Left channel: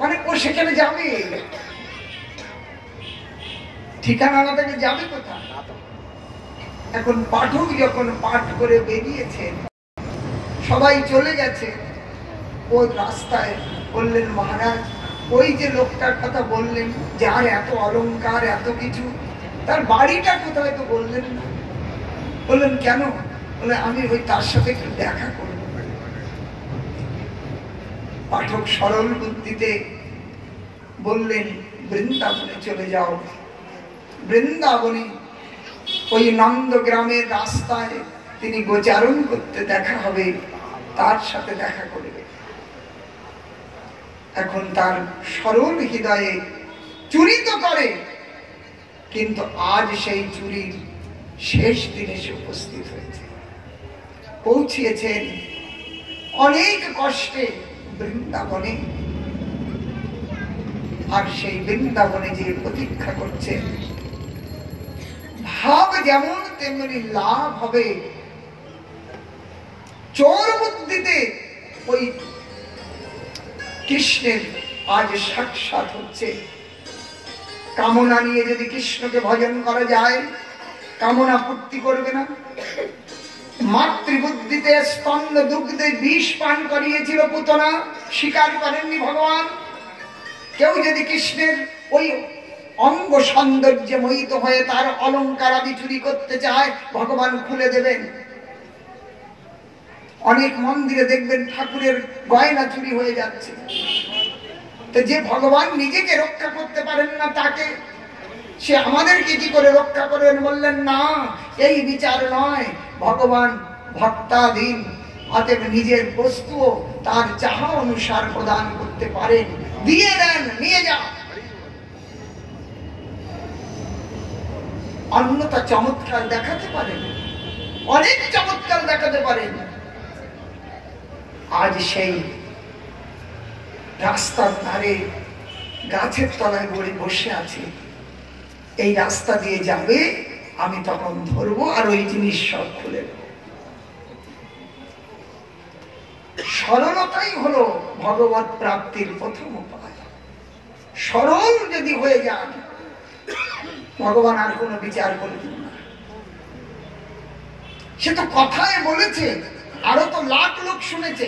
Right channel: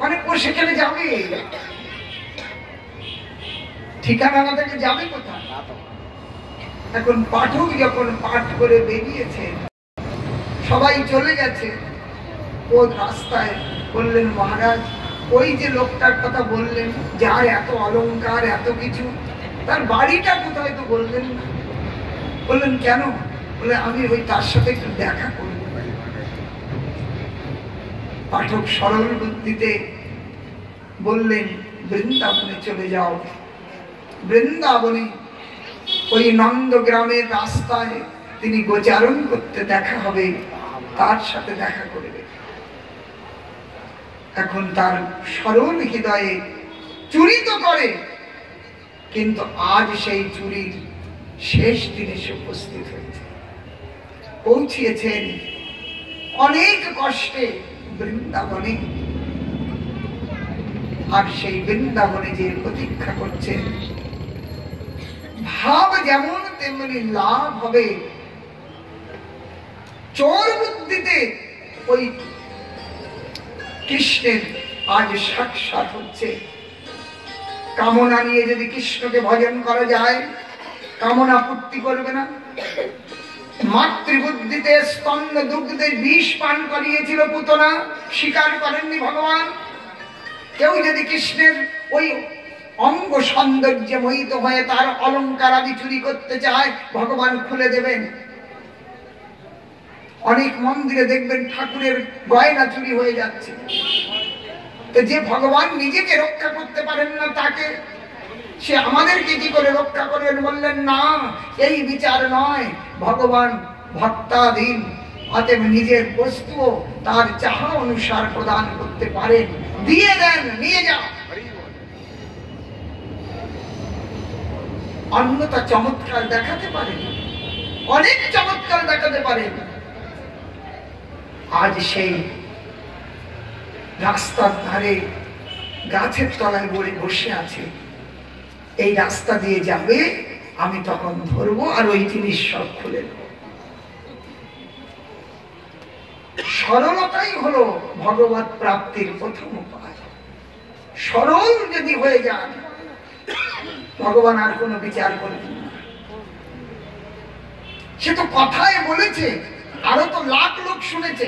মানে ও সেখানে যাবে, ঠিকানা না থেকে যাবে কোথায়? এখন পাঠক যখন পাঠ করে বেরিয়েছে, সবাই চলে গেছে, ও রাস্তায় বললেন, মহারাজ ওই যে লোকটার কথা বললেন, যার এত অলংকার এত কিছু, তার বাড়িটা কোথায় তো বললেন না। বললেন কেন? বলে আমি ওই তার সাথে একটু দেখা করব। পাঠক সরল বুদ্ধিতে বললেন, বৃন্দাবনে চলে যাও। বৃন্দাবনে ওই নন্দগ্রামের রাস্তায় তিনি গোচারণ করতে দেখা হবে, তার সাথে দেখা করবে। এখন তার সরল হৃদয়ে চুরি তো করে, কিন্তু আজ সেই চুরির শেষ দিনে সে উপস্থিত হয়েছে, পৌঁছিয়েছেন অনেক কষ্টে বৃন্দাবনে। আর সেই বৃন্দাবনে যে প্রতীক্ষা করছে, ভাব যেমন তেমনি লাভ হবে। চোর বুদ্ধিতে ওই কৃষ্ণের আজ সাক্ষাৎ হচ্ছে। কামনা নিয়ে যদি কৃষ্ণকে ভজন করা যায়, কামনা পূর্তি করবে না। মাতৃবুদ্ধিতে স্তন্য দুগ্ধে বিষ পান করিয়েছিল পুতনা, স্বীকার করেননি ভগবান। কেউ যদি কৃষ্ণের ওই অঙ্গ সৌন্দর্যে মোহিত হয়ে তার অলংকার আদি চুরি করতে চায়, ভগবান খুলে দেবেন। অনেক মন্দিরে দেখবেন ঠাকুরের গয়না চুরি হয়ে যাচ্ছে। তো যে ভগবান নিজেকে রক্ষা করতে পারেন না, তাকে সে আমাদেরকে কি করে রক্ষা করবেন? বললেন না, এই বিচার নয়, ভগবান ভক্তাধীন, অতএব নিজের বস্তু তার চাহা অনুসার প্রদান করতে পারেন। দিয়ে দেন, নিয়ে যাও। অন্যতা চমৎকার দেখাতে পারেন, অনেক চমৎকার দেখাতে পারেন। আজ সেই রাস্তার ধারে গাছের তলায় বলে বসে আছে, এই রাস্তা দিয়ে যাবে, আমি তখন ধরবো আর ওই জিনিস সব খুলে দেব। সরলতাই হলো ভগবত প্রাপ্তির প্রথম উপায়। সরল যদি হয়ে যান, ভগবান আর কোনো বিচার করবেন না। সে তো কথায় বলেছে, আরো তো লাখ লোক শুনেছে,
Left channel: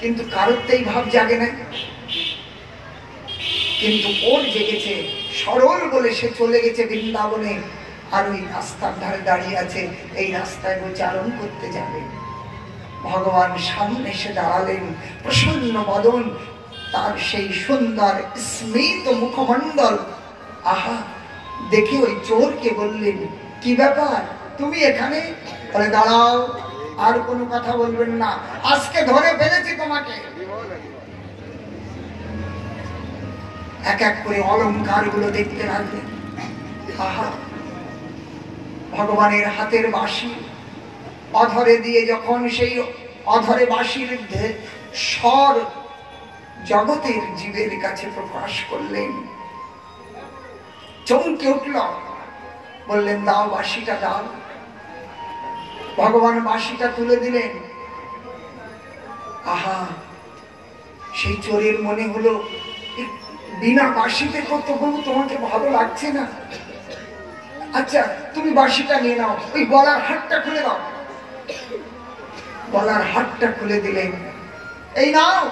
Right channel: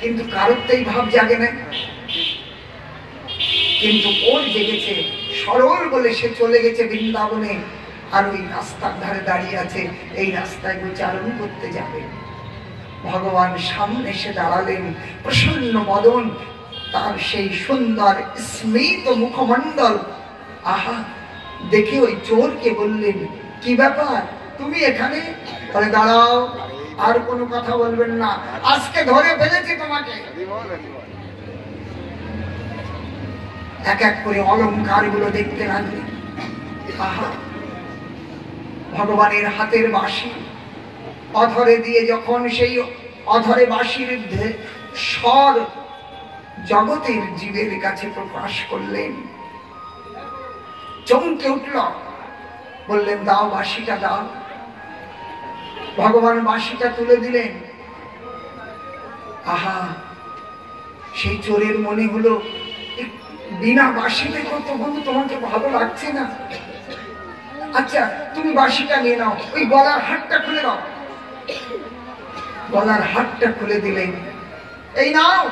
কিন্তু কারোরতেই ভাব জাগে নাই। কিন্তু ওর জেগেছে, সরল বলে সে চলে গেছে বৃন্দাবনে। আর ওই রাস্তার ধারে দাঁড়িয়ে আছে, এই রাস্তায় গোচারণ করতে যাবে। ভগবান সামনে এসে দাঁড়ালেন, প্রসন্ন বদন, তার সেই সুন্দর স্মিত মুখমণ্ডল। আহা, দেখে ওই চোরকে বললেন, কি ব্যাপার তুমি এখানে? দাঁড়াও, আর কোনো কথা বলবেন না, আজকে ধরে ফেলেছি তোমাকে। এক এক করে অলংকার গুলো দেখতে লাগলেন। আহা, ভগবানের হাতের বাঁশি অধরে দিয়ে যখন সেই অধরে বাঁশির স্বর জগতের জীবের কাছে প্রকাশ করলেন, চমকে উঠল। বললেন, দাও বাঁশিটা দাও। ভগবান বাঁশিটা তুলে দিলেন। আহা, সেই চোরের মনে হলো, বিনা বাঁশিতে তবু তোমাকে ভালো লাগছে না। আচ্ছা, তুমি বাঁশিটা নিয়ে নাও, ওই গলার হাতটা খুলে দাও। গলার হাতটা খুলে দিলেন, এই নাও।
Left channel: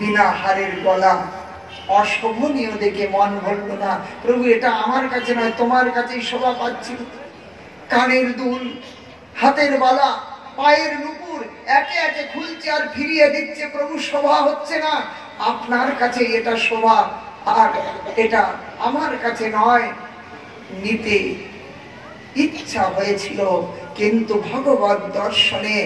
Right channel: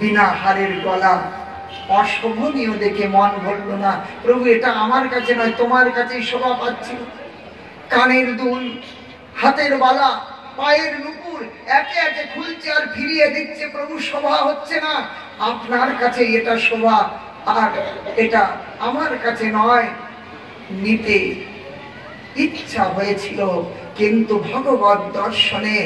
বিনা হারের গলা অশোভনীয় দেখে মন ভরল না। প্রভু, এটা আমার কাছে নয়, তোমার কাছেই শোভা পাচ্ছি। কানের দুল, হাতের বালা, পায়ের নুপুর একে একে খুলছে আর ফিরিয়ে দিচ্ছে। প্রভু, শোভা হচ্ছে না, আপনার কাছে এটা শোভা, আর এটা আমার কাছে নয়। নিতে ইচ্ছা হয়েছিল, কিন্তু ভগবত দর্শনে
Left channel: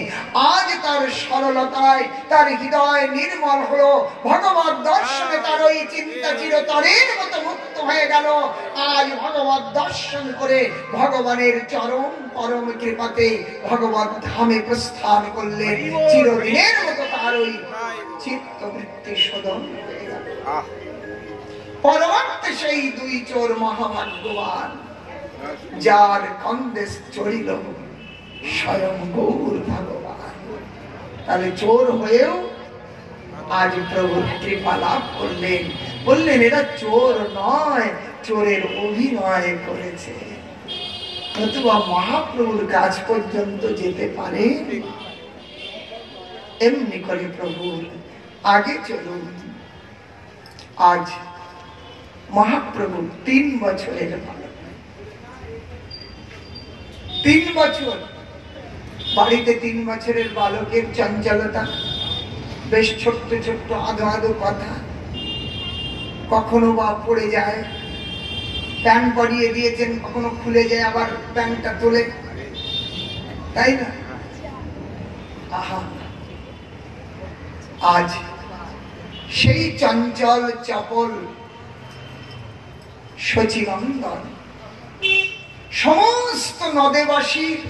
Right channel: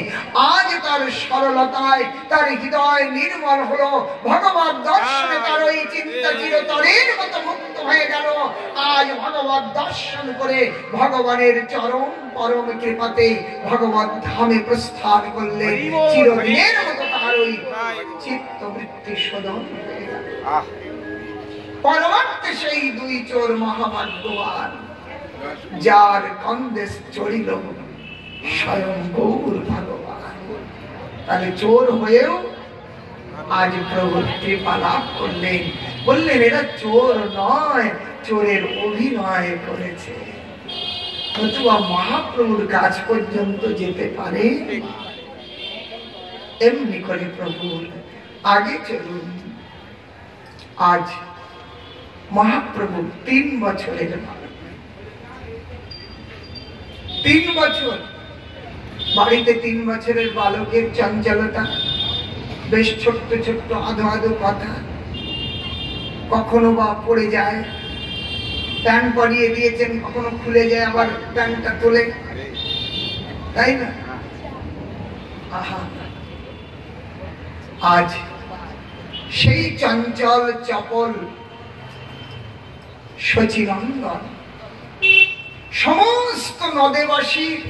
আজ তার সরলতায় তার হৃদয় নির্মল হলো। ভগবত দর্শনে তার ওই চিন্তা চিরতরের মতো মুক্ত হয়ে গেল। আজ ভগবত দর্শন করে ভগবানের চরম পরম কৃপাতে ভগবত ধামে প্রস্থান করলে চিরদিনের মতো তার ওই চিত্তবৃত্তি শোধন হয়ে গেল। পরবর্তী সেই দুই চোর মহাভাগ্যবান, যার কন্দেশ চড়িল স্বয়ং গৌর ভগবান। তাহলে চোর হয়েও আজ প্রভু কৃপা লাভ করলেন, বললেন এরা চোর নয়, চোরের অভিনয় করেছে। নতুবা মহাপ্রভুর কাছ পর্যন্ত যেতে পারে? এমনি করে প্রভু আগে চলুন। আজ মহাপ্রভু 3 বছরের বালক, 3 বছর বাড়িতে 3 বছরের বালকের চঞ্চলতা, বেশ ছোট্ট ছোট্ট আধো আধো কথা, কখনো বা পড়ে যায়, প্যান্ট পরিয়ে দিয়েছেন, কখনো খুলে যায়, আবার প্যান্টটা তোলে, তাই না? আহা, আজ সেই চঞ্চল চপল শচীনন্দন সমস্ত নদেবাসীর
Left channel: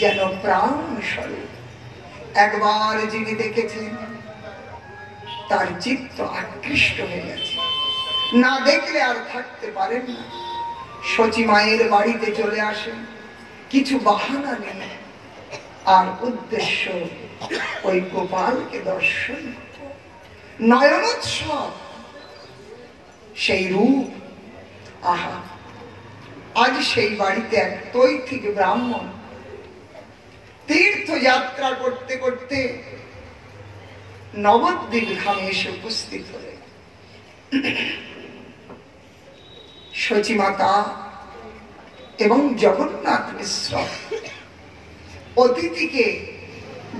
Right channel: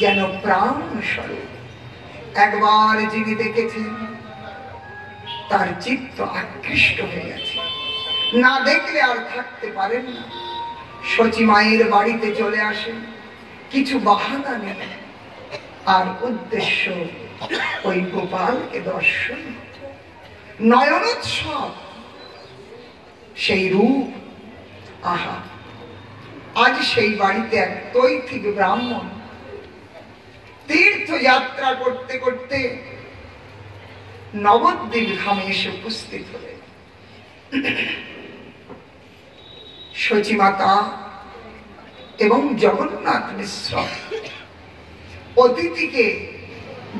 যেন প্রাণ স্বরূপ। একবার যিনি দেখেছেন তার চিত্ত আকৃষ্ট হয়ে গেছে, না দেখলে আর থাকতে পারেন না। শচী মায়ের বাড়িতে চলে আসেন, কিছু বাহানা নেই, আর উদ্দেশ্য ওই গোপালকে দর্শন, নয়নোৎসব, সেই রূপ। আহা, আজ সেই বাড়িতে এক তৈথিক ব্রাহ্মণ তীর্থযাত্রা করতে করতে নবদ্বীপ ধামে এসে উপস্থিত হলেন। শচী মাতা এবং জগন্নাথ মিশ্র অতিথিকে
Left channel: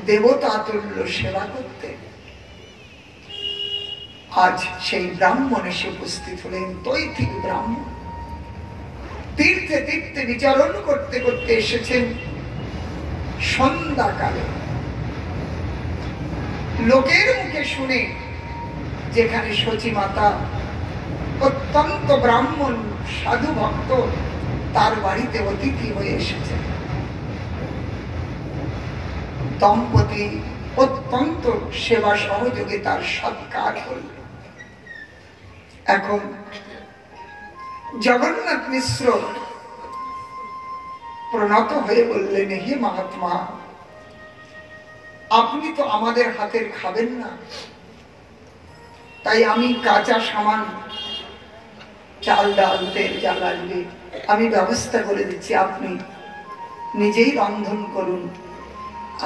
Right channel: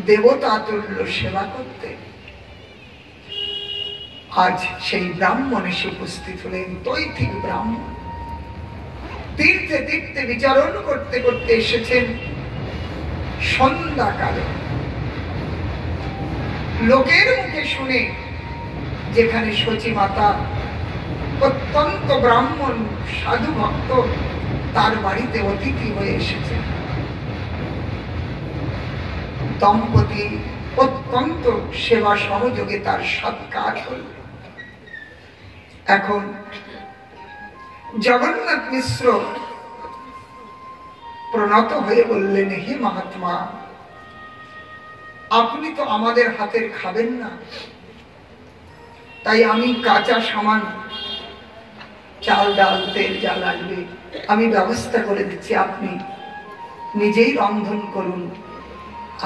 দেবতা তুল্য সেবা করতেন। আজ সেই ব্রাহ্মণ এসে উপস্থিত হলেন, তৈথিক ব্রাহ্মণ। তীর্থে তীর্থে বিচরণ করতে করতে এসেছেন সন্ধ্যাকালে। লোকের মুখে শুনে যেখানে শচী মাতা অত্যন্ত ব্রাহ্মণ সাধু ভক্ত, তার বাড়িতে অতিথি হয়ে এসেছে। দম্পতি অত্যন্ত সেবা সহযোগে তার সৎকার করলেন। এখন জগন্নাথ মিশ্র প্রণত হয়ে বললেন, হে মহাত্মা, আপনি তো আমাদের হাতের খাবেন না, তাই আমি কাঁচা সামান, চাল ডাল তেল যা লাগবে আমি ব্যবস্থা করে দিচ্ছি, আপনি নিজেই রন্ধন করুন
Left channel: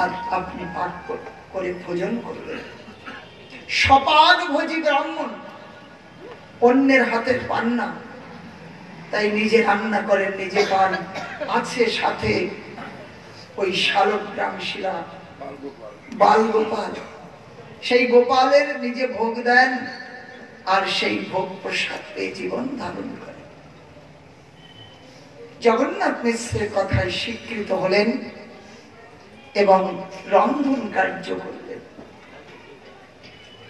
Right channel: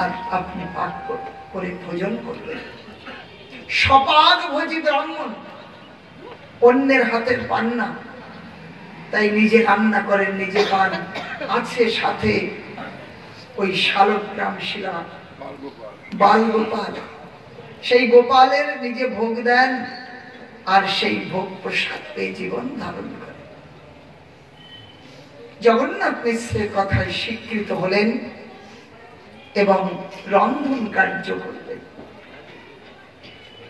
আর আপনি পাক করে ভোজন করবেন। সপাক ভোজি ব্রাহ্মণ, অন্যের হাতের পান না, তাই নিজে রান্না করেন, নিজে পান। আছে সাথে ওই শালগ্রাম শিলা বাল গোপাল, সেই গোপালের নিজে ভোগ দেন, আর সেই ভোগ প্রসাদ পেয়ে জীবন ধারণ করেন। জগন্নাথ মিশ্রের কথায় স্বীকৃত হলেন এবং রন্ধন কার্য করলেন।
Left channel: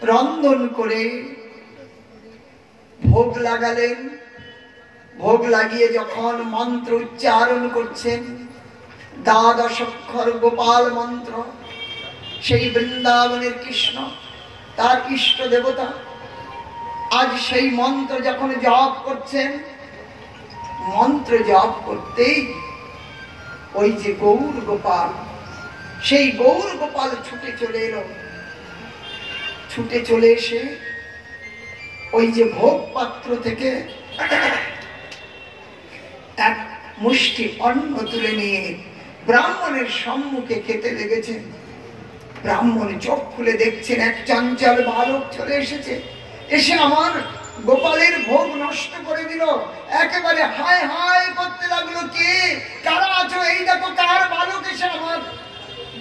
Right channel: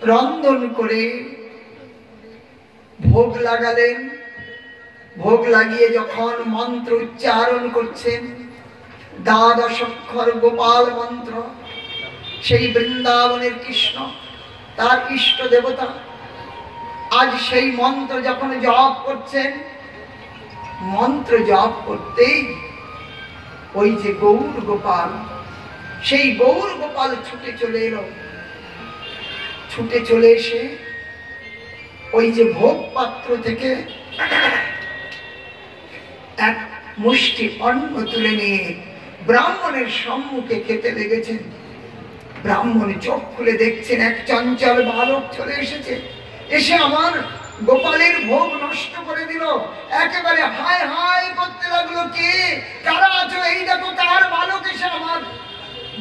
রন্ধন করে ভোগ লাগালেন। ভোগ লাগিয়ে যখন মন্ত্র উচ্চারণ করছেন, দ্বাদশ অক্ষর গোপাল মন্ত্র, সেই বৃন্দাবনের কৃষ্ণ তার ইষ্ট দেবতা, আজ সেই মন্ত্র যখন জপ করছেন, মন্ত্র জপ করতেই ওই যে গৌর গোপাল, সেই গৌর গোপাল ছুটে চলে এলো। ছুটে চলে এসে ওই যে ভোগ পাত্র থেকে এক মুষ্টি অন্ন তুলে নিয়ে ব্রাহ্মণের সম্মুখে খেতে লেগেছেন। ব্রাহ্মণ চোখ খুলে দেখছেন এক চঞ্চল বালক চলে এসেছে, এসে আমার গোপালের ভোগ নষ্ট করে দিল। একেবারে হায় হায় করতে লাগলো, কে কারা আছো, এই দেখো কার বালক এসে আমার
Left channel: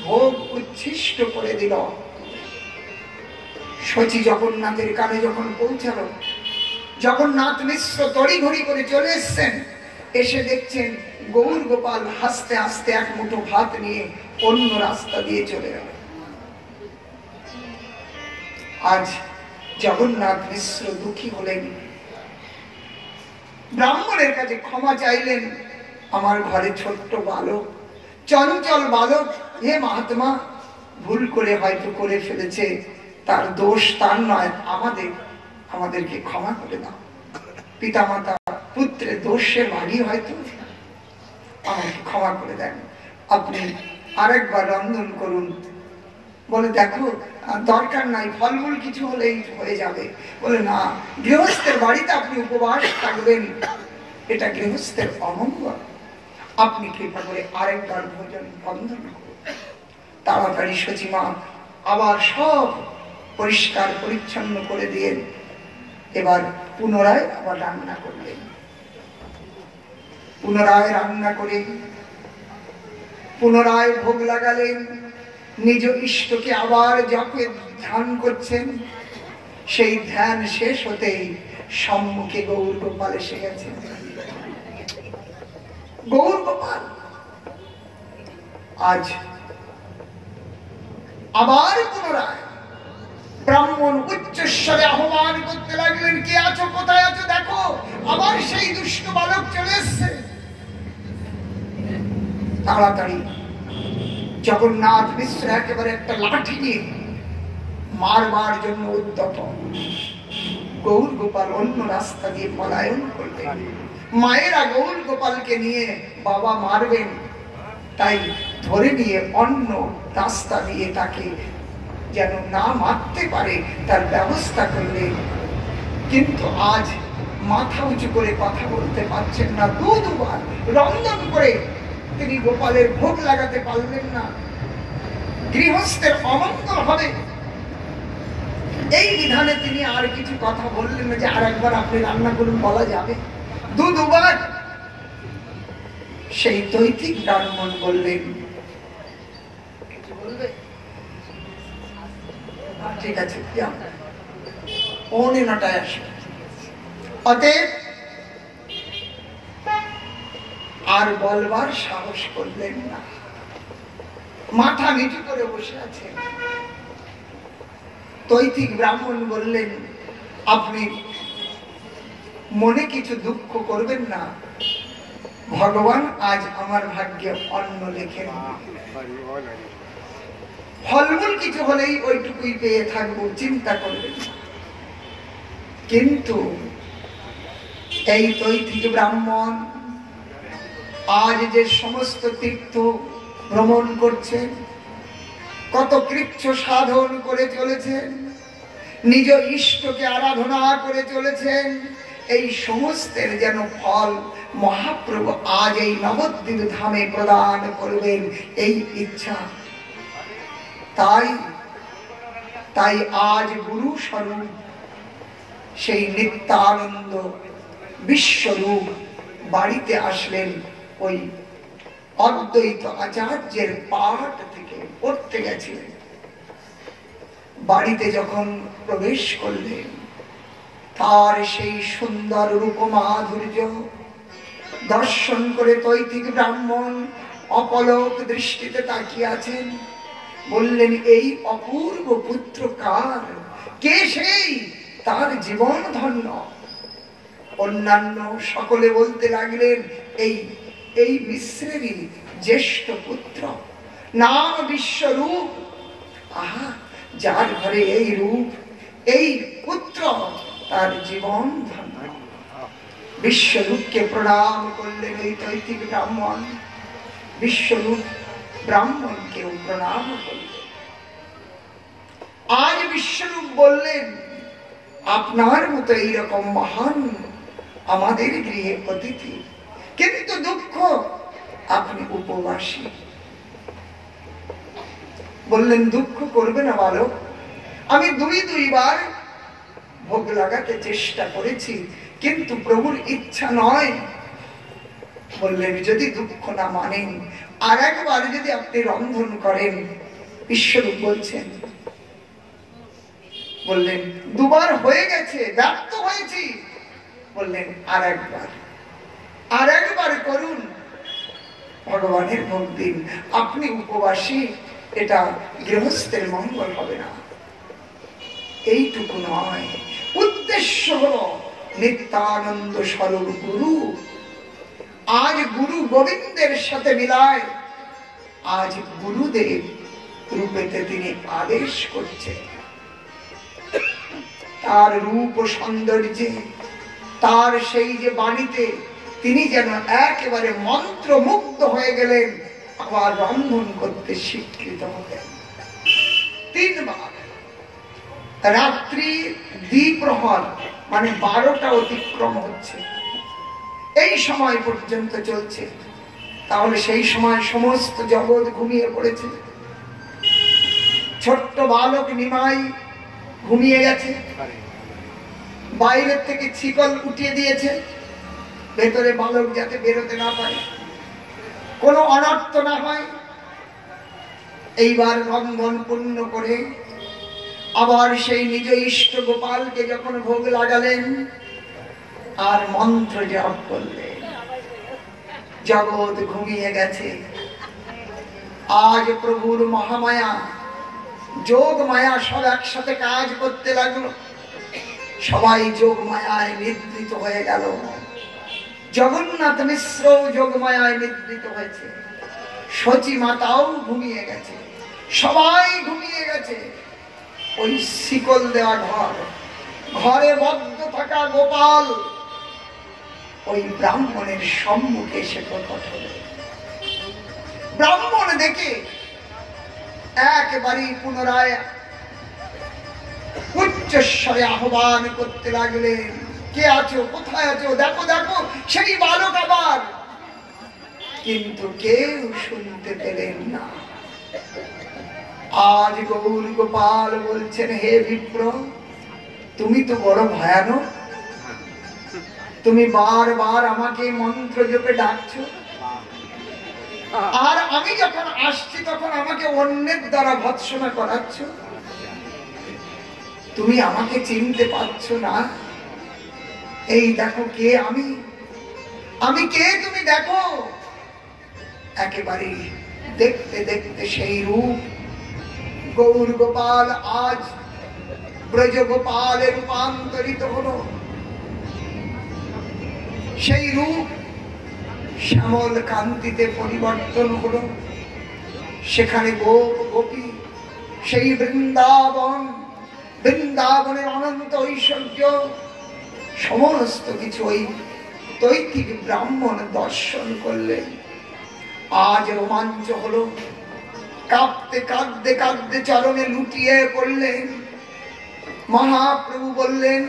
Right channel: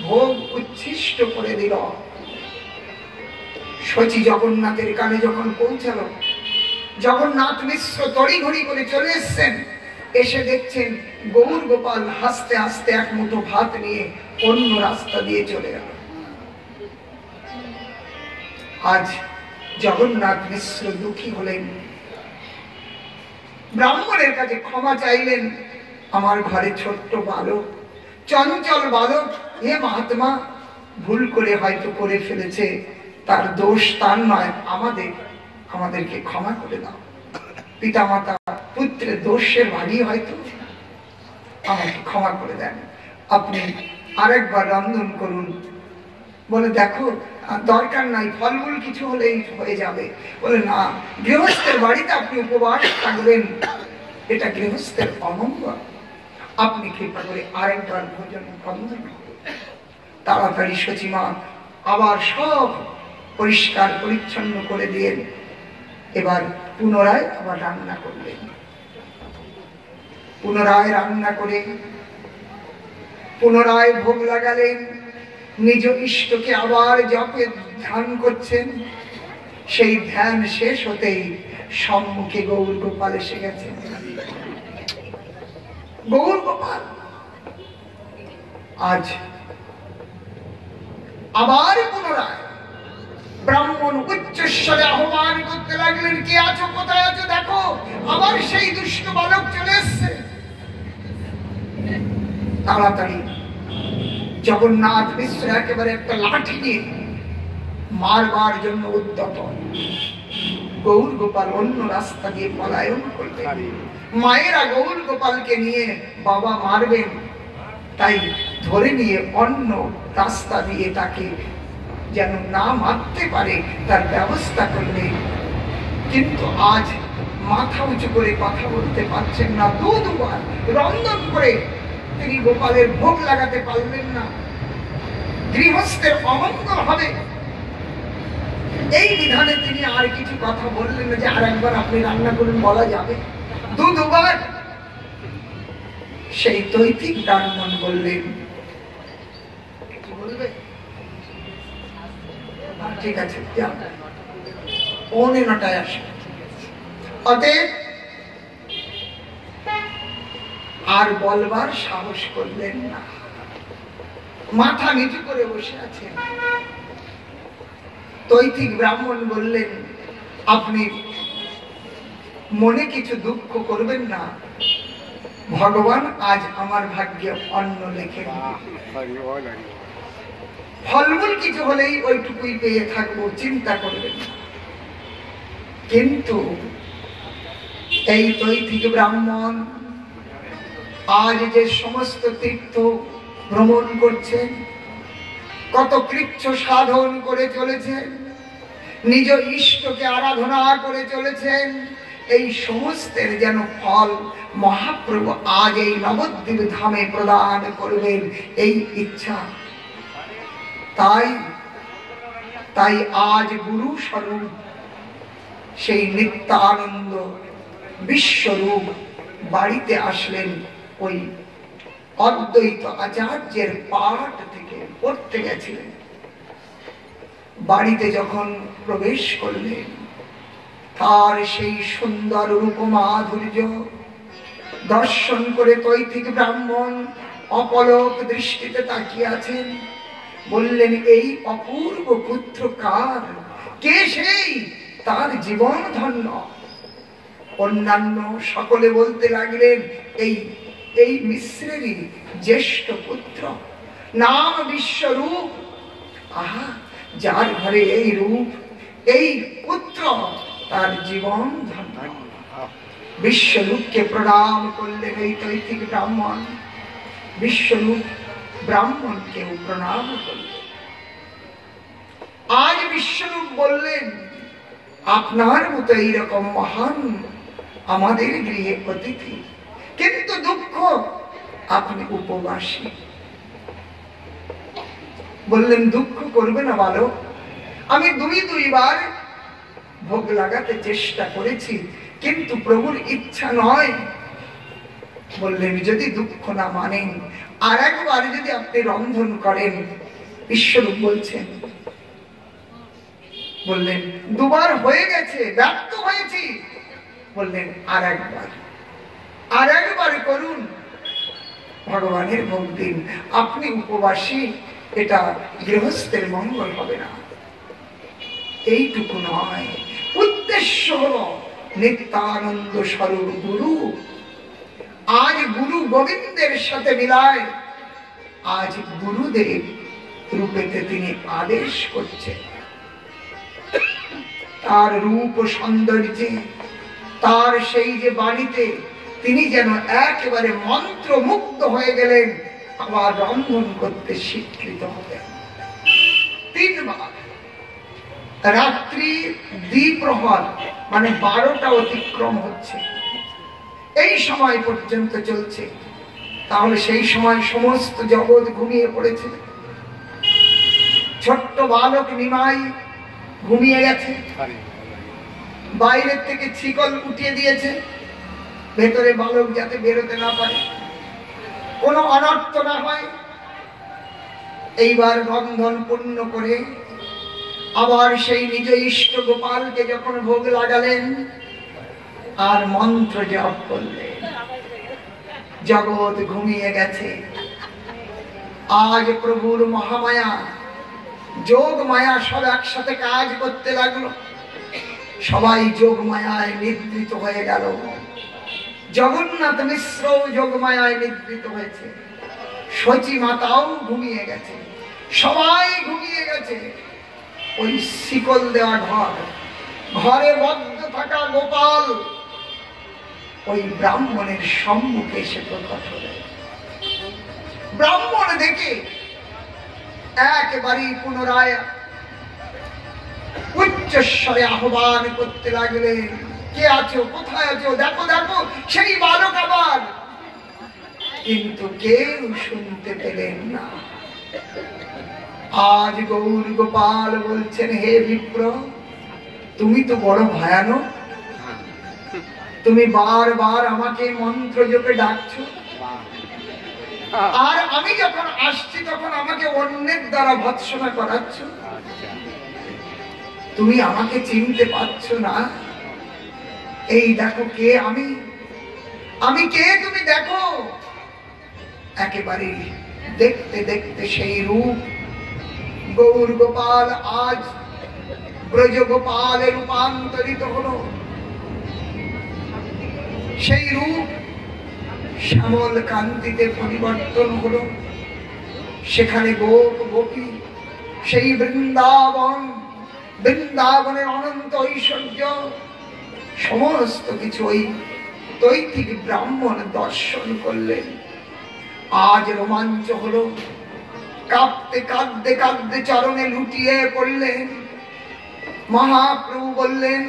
ভোগ উচ্ছিষ্ট করে দিল। শচী জগন্নাথের কানে যখন পৌঁছালো, জগন্নাথ মিশ্র তড়িঘড়ি করে চলে এসছেন। এসে দেখছেন গৌর গোপাল হাসতে হাসতে এক মুঠো ভাত নিয়ে অন্য রাস্তা দিয়ে চলে গেল। আজ জগন্নাথ মিশ্র দুঃখী হলেন, ব্রাহ্মণের কাছে ক্ষমা চাইলেন। আমার ঘরে ছোট্ট বালক, চঞ্চল বালক, হে মহাত্মা, ভুল করে হয়তো করে ফেলেছে, তার দোষ তার নয়, আমাদেরকে ক্ষমা করে দাও। পিতামাতা পুত্রের দোষের ভাগী হয়তো, আমাকে ক্ষমা করে দেন, আপনি আরেকবার রন্ধন করুন। বলে দেখো দরকার নাই, ফলমূল কিছু হলেই হয়ে যাবে। বলে না, গৃহস্থের বাড়িতে আপনি উপবাস থাকবেন, এটা গৃহস্থের অমঙ্গল। আপনি কৃপা করে আরেকবার ভোজন বন্ধন করুন। তাড়াতাড়ি সচিমা আবার সব পরিষ্কার পরিচ্ছন্ন করে দিয়ে এবার পুনরায় আবার রান্না করলেন। পুনরায় রান্না করে পুনরায় ভোগ লাগালেন। নিজ ইষ্টকে আবার জপে ধ্যান করছেন। সেই ধ্যান শেষ হতেই সম্মুখে গৌর গোপাল এসে গেছে। গৌর গোপাল আজ আবার পুনরায় ব্রাহ্মণ উচ্চস্বরে আহ্বান করতে লাগলেন, কে আছো, কোথায় আছো, দেখো আবার সেই দুষ্ট বালক চলে এসছে। তাড়াতাড়ি জগন্নাথ মিশ্র একেবারে একটা লাঠি নিয়ে মারবার জন্য উদ্যত। গৌর গোপাল অন্য রাস্তা দিয়ে পলায়ন করলেন। মায়েরা গৌর গোপালকে নিয়ে বাবা মারবেন, তাই ধরে নিয়ে অন্য রাস্তা দিয়ে তাকে যেন না মারতে পারে তার ব্যবস্থা করলেন। কিন্তু আজ মাথা উঁচু করে কথা বলতে পারছেন না। দুবার রন্ধন করে তিনি গোপালের ভোগ লাগাতে পারলেন না। গৃহস্থের অমঙ্গল হবে এই বিধানে তিনি আর কিছু কথা বললেন না যে আর একবার আপনি রান্না করুন, বলা যাবে। দুবার সেই দৈতিক ব্রাহ্মণ বললেন, বলবে ঠিক আছে, 8:45 আসে। অতএব আর বলবার সাহস করলেন না, মাথা নিচু করে বসে আছেন। দৈতিক ব্রাহ্মণ বললেন, আপনি মনে কিছু দুঃখ করবেন না, ভগবান আজ আমার ভাগ্যে অন্ন লেখেন, ফলমূল কিছু হলেই ওইটুকুই পেয়ে থাকবো, চিন্তা করবেন না। কিন্তু এই দৈতিক ব্রাহ্মণ আজ যে সমস্ত তীর্থ ভ্রমণ করছেন, কত কৃচ্ছ সাধন করে চলেছেন, নিজ ইষ্টকে আরাধনা করে চলেছেন, এই সমস্তের যেন ফল মহাপ্রভু আজ এই নবদ্বীপ ধামে প্রদান করবেন এই ইচ্ছা। তাই আজ গুরু স্বরূপ সেই নিত্যানন্দ বিশ্বরূপ বাড়িতে আসলেন। ওই অদ্বৈত আচার্যের পাঠ থেকে পড়তে গেছিলেন। বাড়িতে যখন প্রবেশ করলেন, তার সেই সুন্দর রূপ মাধুর্য দর্শন করে দৈতিক ব্রাহ্মণ অপলক দৃষ্টিতে তাকিয়ে আছেন। বললেন, এই অপূর্ব পুত্র কার, কে সেই, তার জীবন ধন্য। অন্যান্য সকলে বলতে লাগলেন, এই মিশ্রেরই জ্যেষ্ঠ পুত্র, নাম বিশ্বরূপ। আহা, যার ঘরে এই রূপ, এই পুত্র, তার জীবন ধন্য। বিশ্বরূপকে প্রণাম করলেন এই দৈতিক ব্রাহ্মণ। বিশ্বরূপ ব্রাহ্মণকেও প্রণাম করলেন। আজ বিশ্বরূপ বললেন, আপনার মতো এইরকম মহান আমাদের গৃহে অতিথি, কিন্তু দুঃখ আপনি উপবাসী। বললেন, দুঃখ করবে না বালক, আমি দুইবার ভোগ লাগাতে চেষ্টা করেছি, কিন্তু প্রভুর ইচ্ছা নয়। বললেন, যদি দুঃখ না মানেন, আর একবার যদি আপনি রন্ধন করেন। বিশ্বরূপ বলছেন, বললেন, দুবার হয়ে গেছে, ব্যর্থ হয়েছি। বললেন, আর একবার করুন, ভগবানের ভোগ দিন। আপনি উপবাসী, এটা গৃহস্থের মঙ্গল হবে না। এইটুকু নয়, উদ্দেশ্য হল নিত্যানন্দ স্বরূপ গুরু। আজ গুরু গোবিন্দের সাথে মিলায়, আজ গুরুদেব রূপেতে তিনি আদেশ করছেন। তার রূপ সৌন্দর্যে, তার সেই যে বাণীতে তিনি যেন একেবারে মন্ত্রমুগ্ধ হয়ে গেলেন, আবার রন্ধন করতে স্বীকৃত হলেন। 3 বার রাত্রি দ্বিপ্রহর মানে 12টা অতিক্রম হচ্ছে, এই সময় পর্যন্ত চলছে। তাহলে সেই সময় সমস্ত জগৎ ঘুমিয়ে পড়েছে। ছোট্ট বালক নিমাই ঘুমিয়ে গেছে, বাইরের থেকে শিকল উঠিয়ে দিয়েছে, ভেতরে বালক যাতে বেরোতে না পারে, কোনো অনর্থ না হয়। এইবার বন্ধন পূর্ণ করে আবার সেই নিজ ইষ্ট গোপালকে যখন ভোগ লাগালেন আর মন্ত্র জপ করলেন, জগৎ ঘুমিয়ে গেছে। আজ প্রভুর মহামায়া, যোগ মায়া সব একসাথে কাজ করতে লাগলো। সবাই যোগ মায়ায় নিদ্রিত হয়ে গেল। জগন্নাথ মিশ্র যোগ মায়ায় নিদ্রিত হয়েছে, সচী মাতাও ঘুমিয়ে গেছে, সবাই ঘুমিয়ে গেছে। ওই শিকল দেওয়া ঘরে বদ্ধ থাকা গোপাল ওই ব্রাহ্মণের সম্মুখে এসে প্রকট হল। ব্রাহ্মণ দেখে একেবারেই পুনরায় উচ্চস্বরে আহ্বান করতে লাগলেন, কে আছো, কোথায় আছো, দেখো দেখো সেই বালক আবার। কিন্তু কেউ শুনতে পেলেন না। আজ গৌর গোপাল বলছেন, হে বিপ্র, তুমি তো বড় ভয়ানক, তুমি বারবার আমাকে মন্ত্র জপে ডাকছো, আর আমি যখন আসছি তখন আমাকে অন্যের দ্বারা ভৎসনা করাচ্ছ। তুমি আমাকে চিনতে পারছো না? এই দেখো কে আমি কে তুমি দেখো। একেবারে দেখতে দেখতে সেই রূপ গৌর গোপাল আজ ব্রজ গোপালে রূপান্তরিত হলো। সেই রূপ শ্যামল কান্তিতে পরিবর্তন হলো। সেখানে গোপ গোপী, সেই বৃন্দাবনের অনন্ত ঐশ্বর্য, সমস্ত কিছু ওই তৈত্তিক ব্রাহ্মণ দর্শন করলেন। আজ রোমাঞ্চ হলো, কাঁদতে কাঁদতে কাঁদতে চরণে লুটিয়ে পড়লেন। মহাপ্রভু বললেন,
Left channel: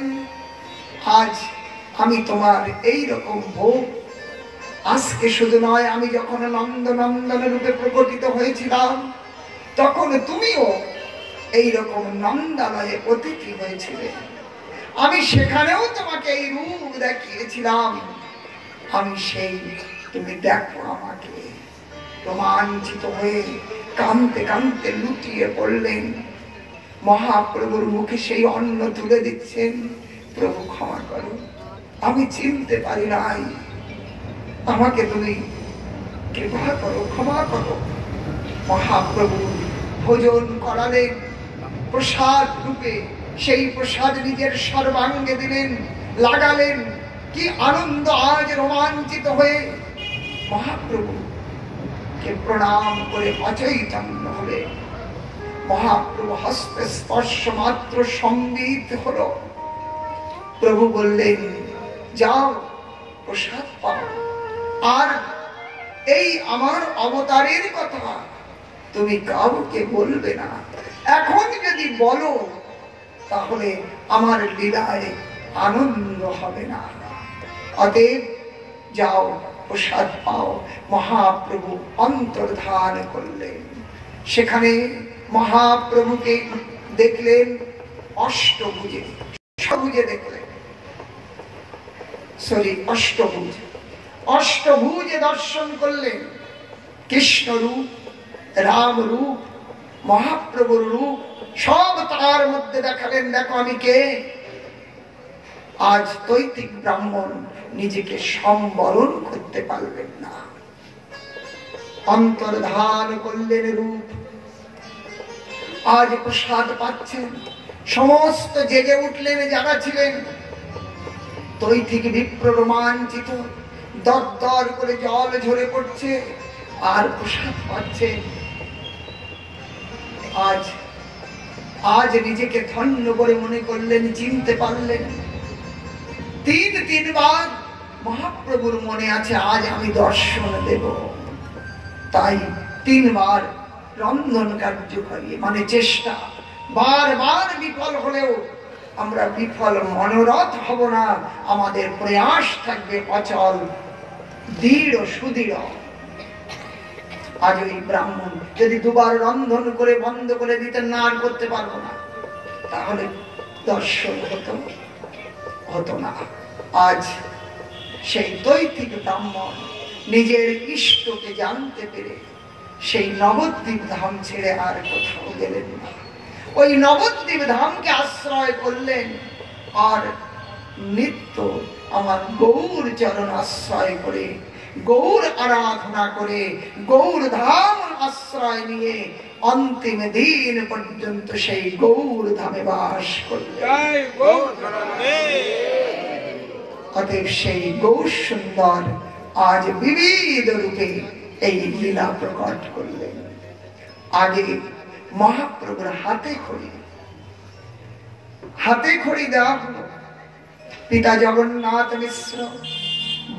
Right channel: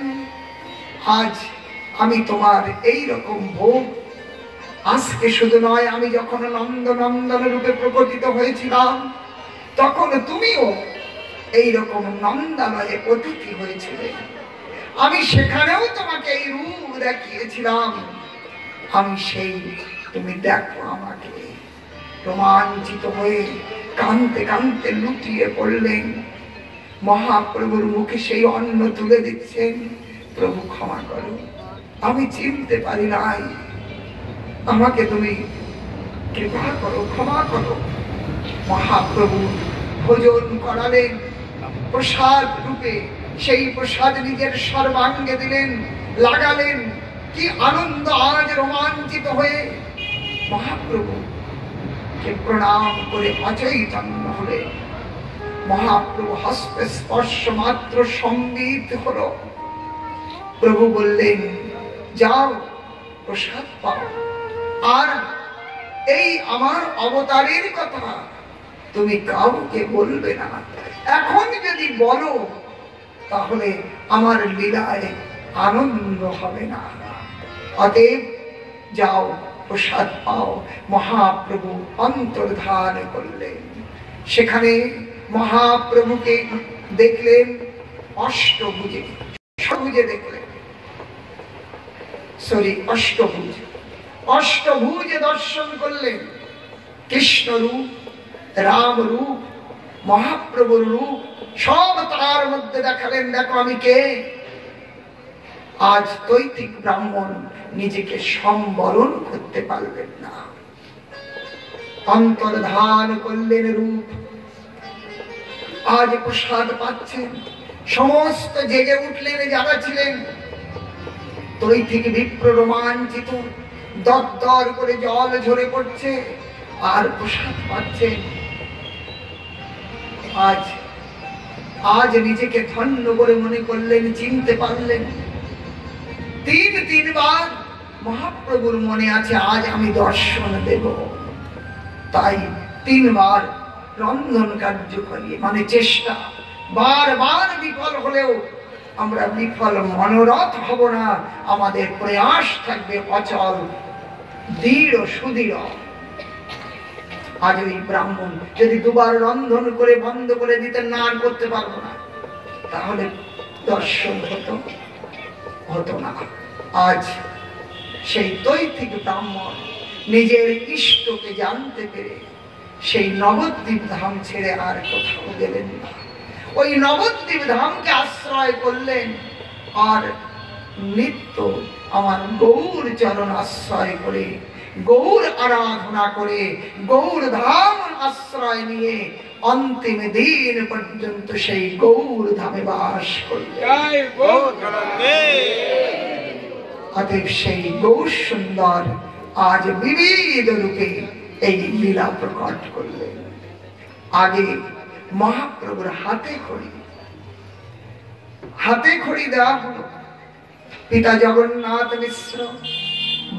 আজ আমি তোমার এই রকম ভোগ, আজকে শুধু নয়, আমি যখন নন্দনন্দন রূপে প্রকটিত হয়েছিলাম তখন তুমিও এইরকম নন্দালয়ে অতিথি হয়েছিলে। আমি সেখানেও তোমাকে এই রূপ দেখিয়েছিলাম। আমি সেই, তুমি দেখো আমাকে। রোমাঞ্চিত হয়ে কাঁদতে কাঁদতে লুটিয়ে পড়লেন। মহাপ্রভুর মুখে সেই অন্ন তুলে দিচ্ছেন, প্রভু ক্ষমা করো, আমি চিনতে পারি নাই, আমাকে তুমি কৃপা করো, ক্ষমা করো। মহাপ্রভু ভোজন করালেন প্রসাদ রূপে, সেই প্রসাদ নিজের সর্বাঙ্গে দিলেন, লাগালেন। কি আনন্দ! আজ রোমাঞ্চিত হয়ে মহাপ্রভু কে প্রণাম করে অচৈতন্য হলে। মহাপ্রভু হস্ত স্পর্শ মাত্র সম্বিত হলো। প্রভু বললেন, যাও প্রসাদ পাও, আর এই আমার অবতারের কথা তুমি কাউকে বলবে না। এখন যদি বলো তাহলে আমার লীলায় আনন্দ হবে না। অতএব যাও প্রসাদ পাও। মহাপ্রভু অন্তর্ধান করলেন। সেখানে মহাপ্রভুকে দেখলেন অষ্টভুজে, সবুজে দেখলেন, অষ্টভুজে দর্শন করলেন। কৃষ্ণ রূপ, রাম রূপ, মহাপ্রভুর রূপ সব তার মধ্যে দেখালেন। দেখো আমি কে। আজ তৈত্তিক ব্রাহ্মণ নিজেকে সম্বরণ করতে পারবেন না। অন্তর্ধান করলেন রূপ। আজ প্রসাদ পাচ্ছেন। সমস্ত জেগে উঠলেন যারা ছিলেন। তৈত্তিক বিপ্র রোমাঞ্চিত, দরদর করে জল ঝরে পড়ছে আর প্রসাদ পাচ্ছে। আজ নিজেকে ধন্য করে মনে করলেন, চিনতে পারলেন। তিনবার মহাপ্রভুর মনে আছে আজ আমি দর্শন দেব, তাই 3বার রন্ধন কার্য করিয়ে, মানে চেষ্টা, বারবার বিফল হলেও আমরা বিফল মনোরথ হব না, আমাদের প্রয়াস থাকবে অচল, দৃঢ় সুদৃঢ়। আজ ওই ব্রাহ্মণ যদি দুবার রন্ধন করে বন্ধ করে দিতেন, না আর করতে পারবো না, তাহলে দর্শন হতো না। আজ সেই দৈতিক ব্রাহ্মণ নিজের ইষ্টকে জানতে পেরে সেই নবদ্বীপ ধাম ছেড়ে আর কোথাও গেলেন না, ওই নবদ্বীপ ধামকে আশ্রয় করলেন। আর নিত্য আমার গৌর চরণ আশ্রয় করে, গৌর আরাধনা করে, গৌর ধাম আশ্রয় নিয়ে অন্তিম দিন পর্যন্ত সেই গৌর ধামে বাস করলেন। অতএব সেই গৌর সুন্দর আজ বিবিধ রূপে এই লীলা প্রকট করলেন। আগে মহাপ্রভুর হাতে খড়ি দেওয়া হলো। পিতা জগন্নাথ মিশ্র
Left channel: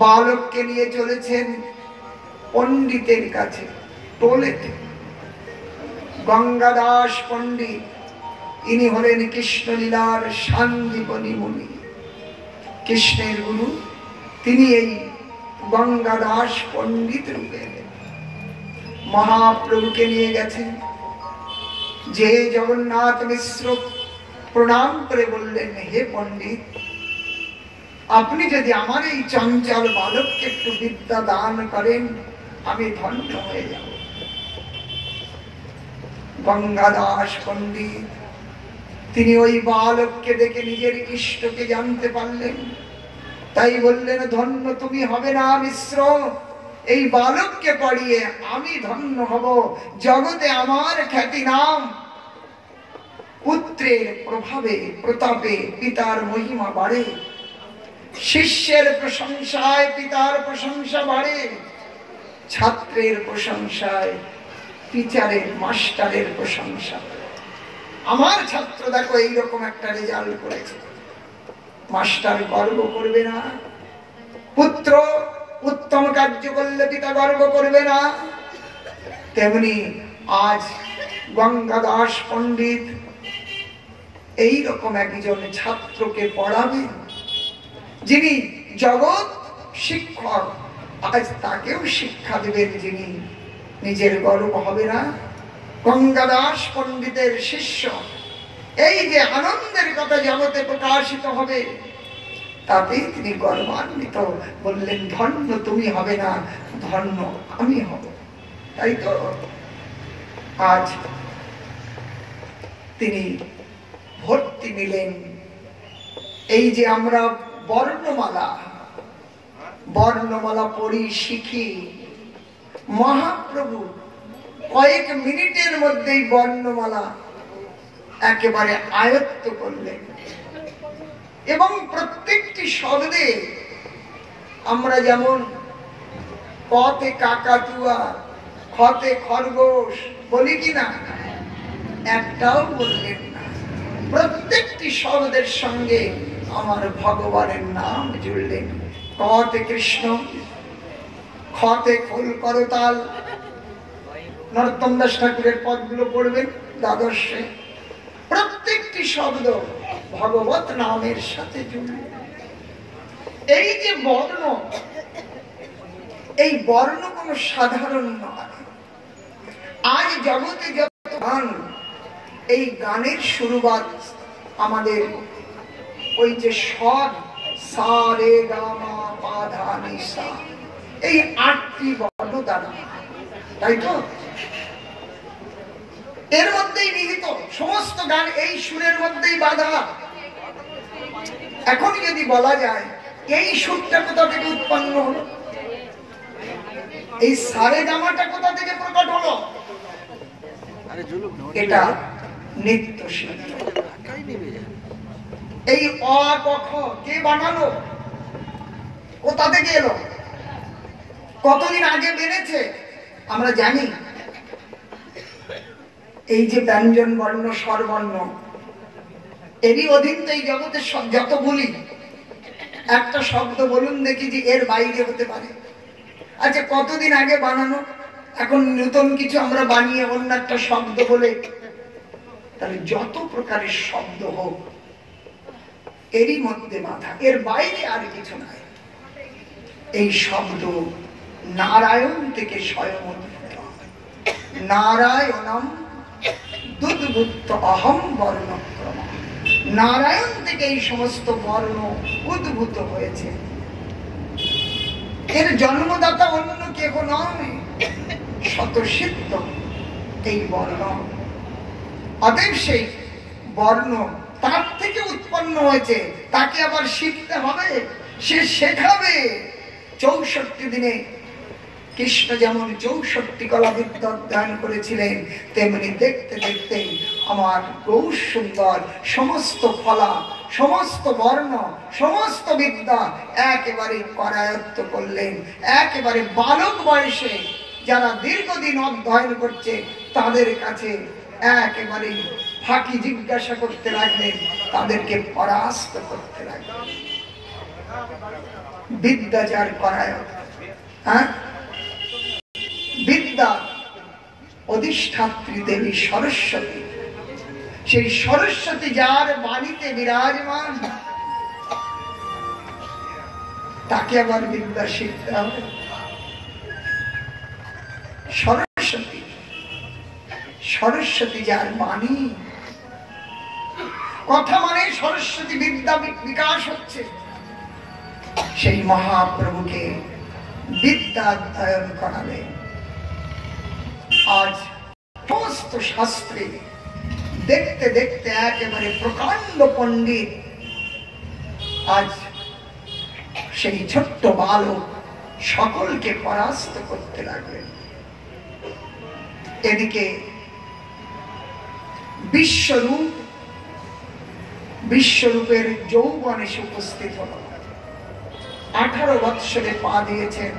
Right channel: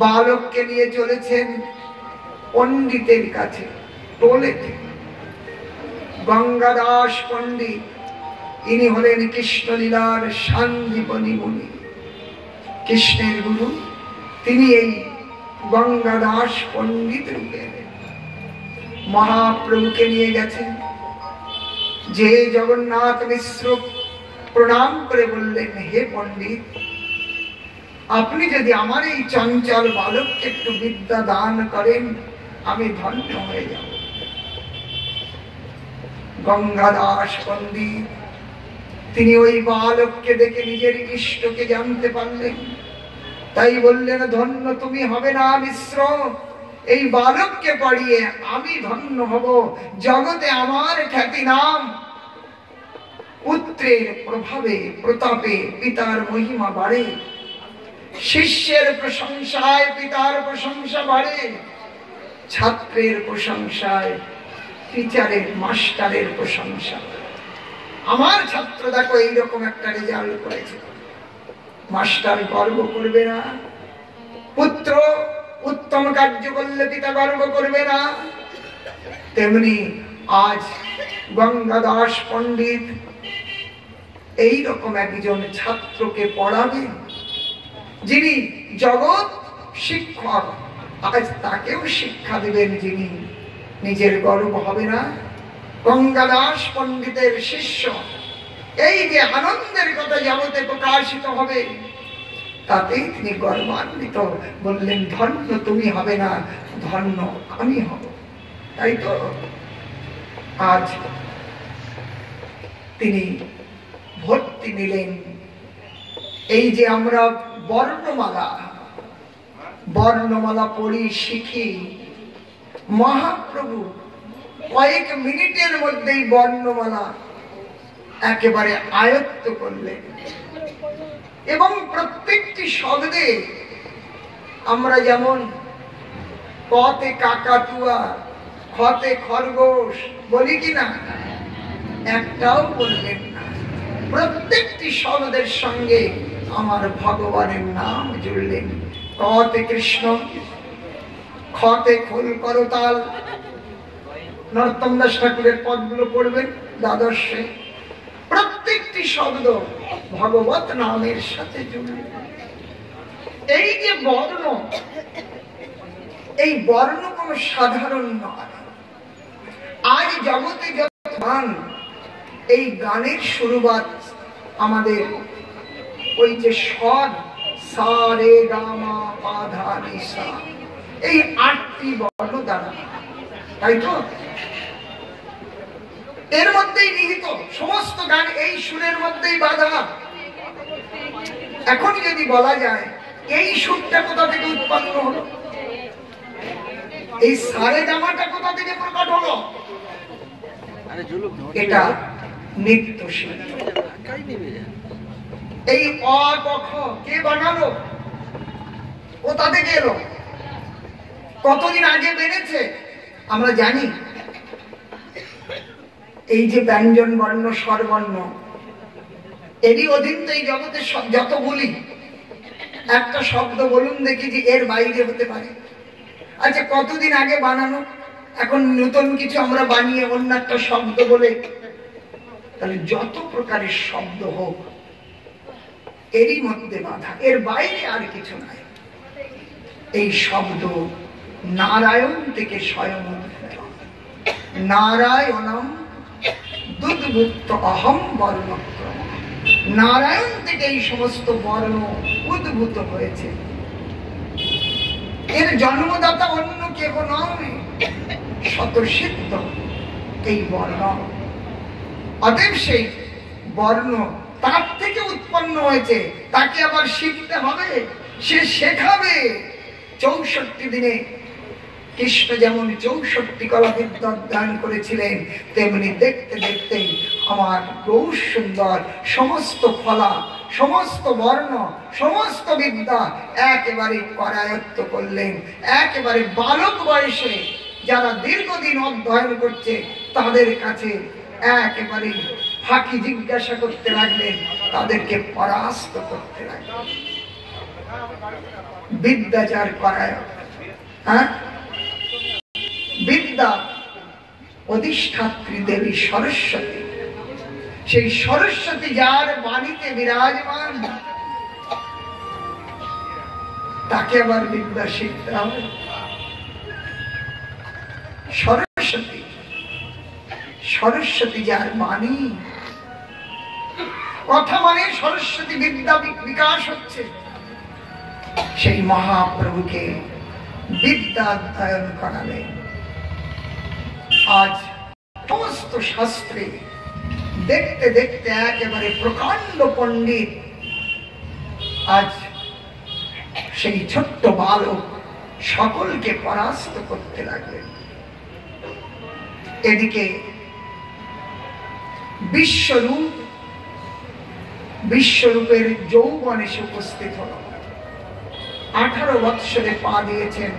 বালককে নিয়ে চলেছেন পণ্ডিতের কাছে, টোলেতে। গঙ্গাদাস পণ্ডিত, ইনি হলেন কৃষ্ণলীলার সান্দীপনী মুনি, কৃষ্ণের গুরু। তিনি এই গঙ্গাদাস পণ্ডিত রূপে মহাপ্রভুকে নিয়ে গেছেন। যে জগন্নাথ মিশ্র প্রণাম করে বললেন, হে পণ্ডিত, আপনি যদি আমার এই চঞ্চল বালককে একটু বিদ্যা দান করেন, আমি ধন্য হয়ে যাব। গঙ্গাদাস পণ্ডিত তিনি ওই বালককে দেখে নিজের ইষ্টকে জানতে পারলেন, তাই বললেন, ধন্য তুমি হবে না মিশ্র, এই বালককে পড়িয়ে আমি ধন্য হব। জগতে আমার খ্যাতি নাম, পুত্রের প্রভাবে প্রতাপে পিতার মহিমা বাড়ে, শিষ্যের প্রশংসায় পিতার প্রশংসা বাড়ে, ছাত্রের প্রশংসায় টিচারের মাস্টারের প্রশংসা। আমার ছাত্র দেখো এইরকম একটা রেজাল্ট করেছে, মাস্টার গর্ব করবে না? পুত্র উত্তম কার্য করলে পিতা গর্ব করবে না? তেমনি আজ গঙ্গাদাস পণ্ডিত এইরকম একজন ছাত্রকে পড়াবেন, যিনি জগৎ শিক্ষক, আজ তাকেও শিক্ষা দেবেন যিনি, নিজের গর্ব হবে না? গঙ্গাদাস পণ্ডিতের শিষ্য এই যে আনন্দের কথা জগতে প্রকাশিত হবে, তাতেই তিনি গর্বান্বিত। বললেন, ধন্য তুমি হবে না, ধন্য আমি হব। তাই তো আজ তিনি ভর্তি নিলেন। এই যে আমরা বর্ণমালা পড়ি, শিখি, মহাপ্রভু কয়েক মিনিটের মধ্যেই বর্ণমালা একেবারে আয়ত্ত করলেন। এবং প্রত্যেকটি শব্দে আমরা যেমন পথে কাকাতুয়া, খতে খরগোশ বলি কিনা, একটাও বললেন না। প্রত্যেকটি শব্দের সঙ্গে আমার ভগবানের নাম জুড়লেন। কতে কৃষ্ণ, খতে খোল করতাল। নরোত্তম দাস ঠাকুরের পদগুলো পড়বেন দ্বাদশে। প্রত্যেকটি শব্দ ভগবত নামের সাথে জুড়লেন। এই যে বর্ণ, এই বর্ণ কোন সাধারণ নয়। আজ জগতে যত গান, এই গানের শুরুবাত আমাদের ওই যে স্বর, সা রে গা মা পা ধা নি সা, এই 8টি বর্ণ দ্বারা, তাই তো? এর মধ্যেই নিহিত সমস্ত গান, এই সুরের মধ্যেই বাঁধা। এখন যদি বলা যায় এই সুরটা কোথা থেকে উৎপন্ন হলো, এই সারে গামাটা কোথা থেকে প্রকট হলো, এটা নিত্য সিদ্ধ। এই অ ক খ কে বানালো, কোথা থেকে এলো, কতদিন আগে বেড়েছে আমরা জানি। এই যে ব্যঞ্জন বর্ণ, স্বরবর্ণ, এরই অধীন তো এই জগতের যত বলি। একটা শব্দ বলুন দেখি যে এর বাইরে হতে পারে। আচ্ছা, কতদিন আগে বানানো, এখন নতুন কিছু আমরা বানিয়ে অন্য একটা শব্দ বলে তাহলে যত প্রকারের শব্দ হোক এরই মধ্যে বাধা, এর বাইরে আর কিছু নাই। এই শব্দ নারায়ণ থেকে স্বয়ং উদ্ভূত। নারায়ণম দুদ্ভূত অহম বর্ণক্রম। নারায়ণ থেকে এই সমস্ত বর্ণ উদ্ভূত হয়েছে। এর জন্মদাতা অন্য কেহ নয়, স্বতঃসিদ্ধ এই বর্ণ। অতএব সেই বর্ণ তার থেকে উৎপন্ন হয়েছে, তাকে আবার শিখতে হবে, সে শেখাবে। 64 দিনে কৃষ্ণ যেমন 64 কলা বিদ্যা দান করেছিলেন, তেমনি দেখতে দেখতে আমার গৌর সুন্দর সমস্ত ফলা, সমস্ত বর্ণ, সমস্ত বিদ্যা একেবারে করায়ত্ত করলেন। একেবারে বালক বয়সে যারা দীর্ঘদিন অধ্যয়ন করছে তাদের কাছে একেবারে ফাঁকি জিজ্ঞাসা করতে লাগলেন, তাদেরকে পরাস্ত করতে লাগলেন। বিদ্যা যার করায়ত্ত, বিদ্যা অধিষ্ঠাত্রী দেবী সরস্বতী, সেই সরস্বতী যার বাড়িতে বিরাজমান, তাকে আবার বিদ্যা শিখতে হবে। সরস্বতী, সরস্বতী যার বাণী, কথা মানে সরস্বতী বিদ্যা বিকাশ হচ্ছে। সেই মহাপ্রভুকে বিদ্যা অধ্যয়ন করাবে। আজ সমস্ত শাস্ত্রে দেখতে দেখতে একেবারে প্রকাণ্ড পণ্ডিত, আজ সেই ছোট্ট বালক সকলকে পরাস্ত করতে লাগলেন। এদিকে বিশ্বরূপ, বিশ্বরূপের যৌবন এসে উপস্থিত হল। 18 বৎসরে পা দিয়েছেন।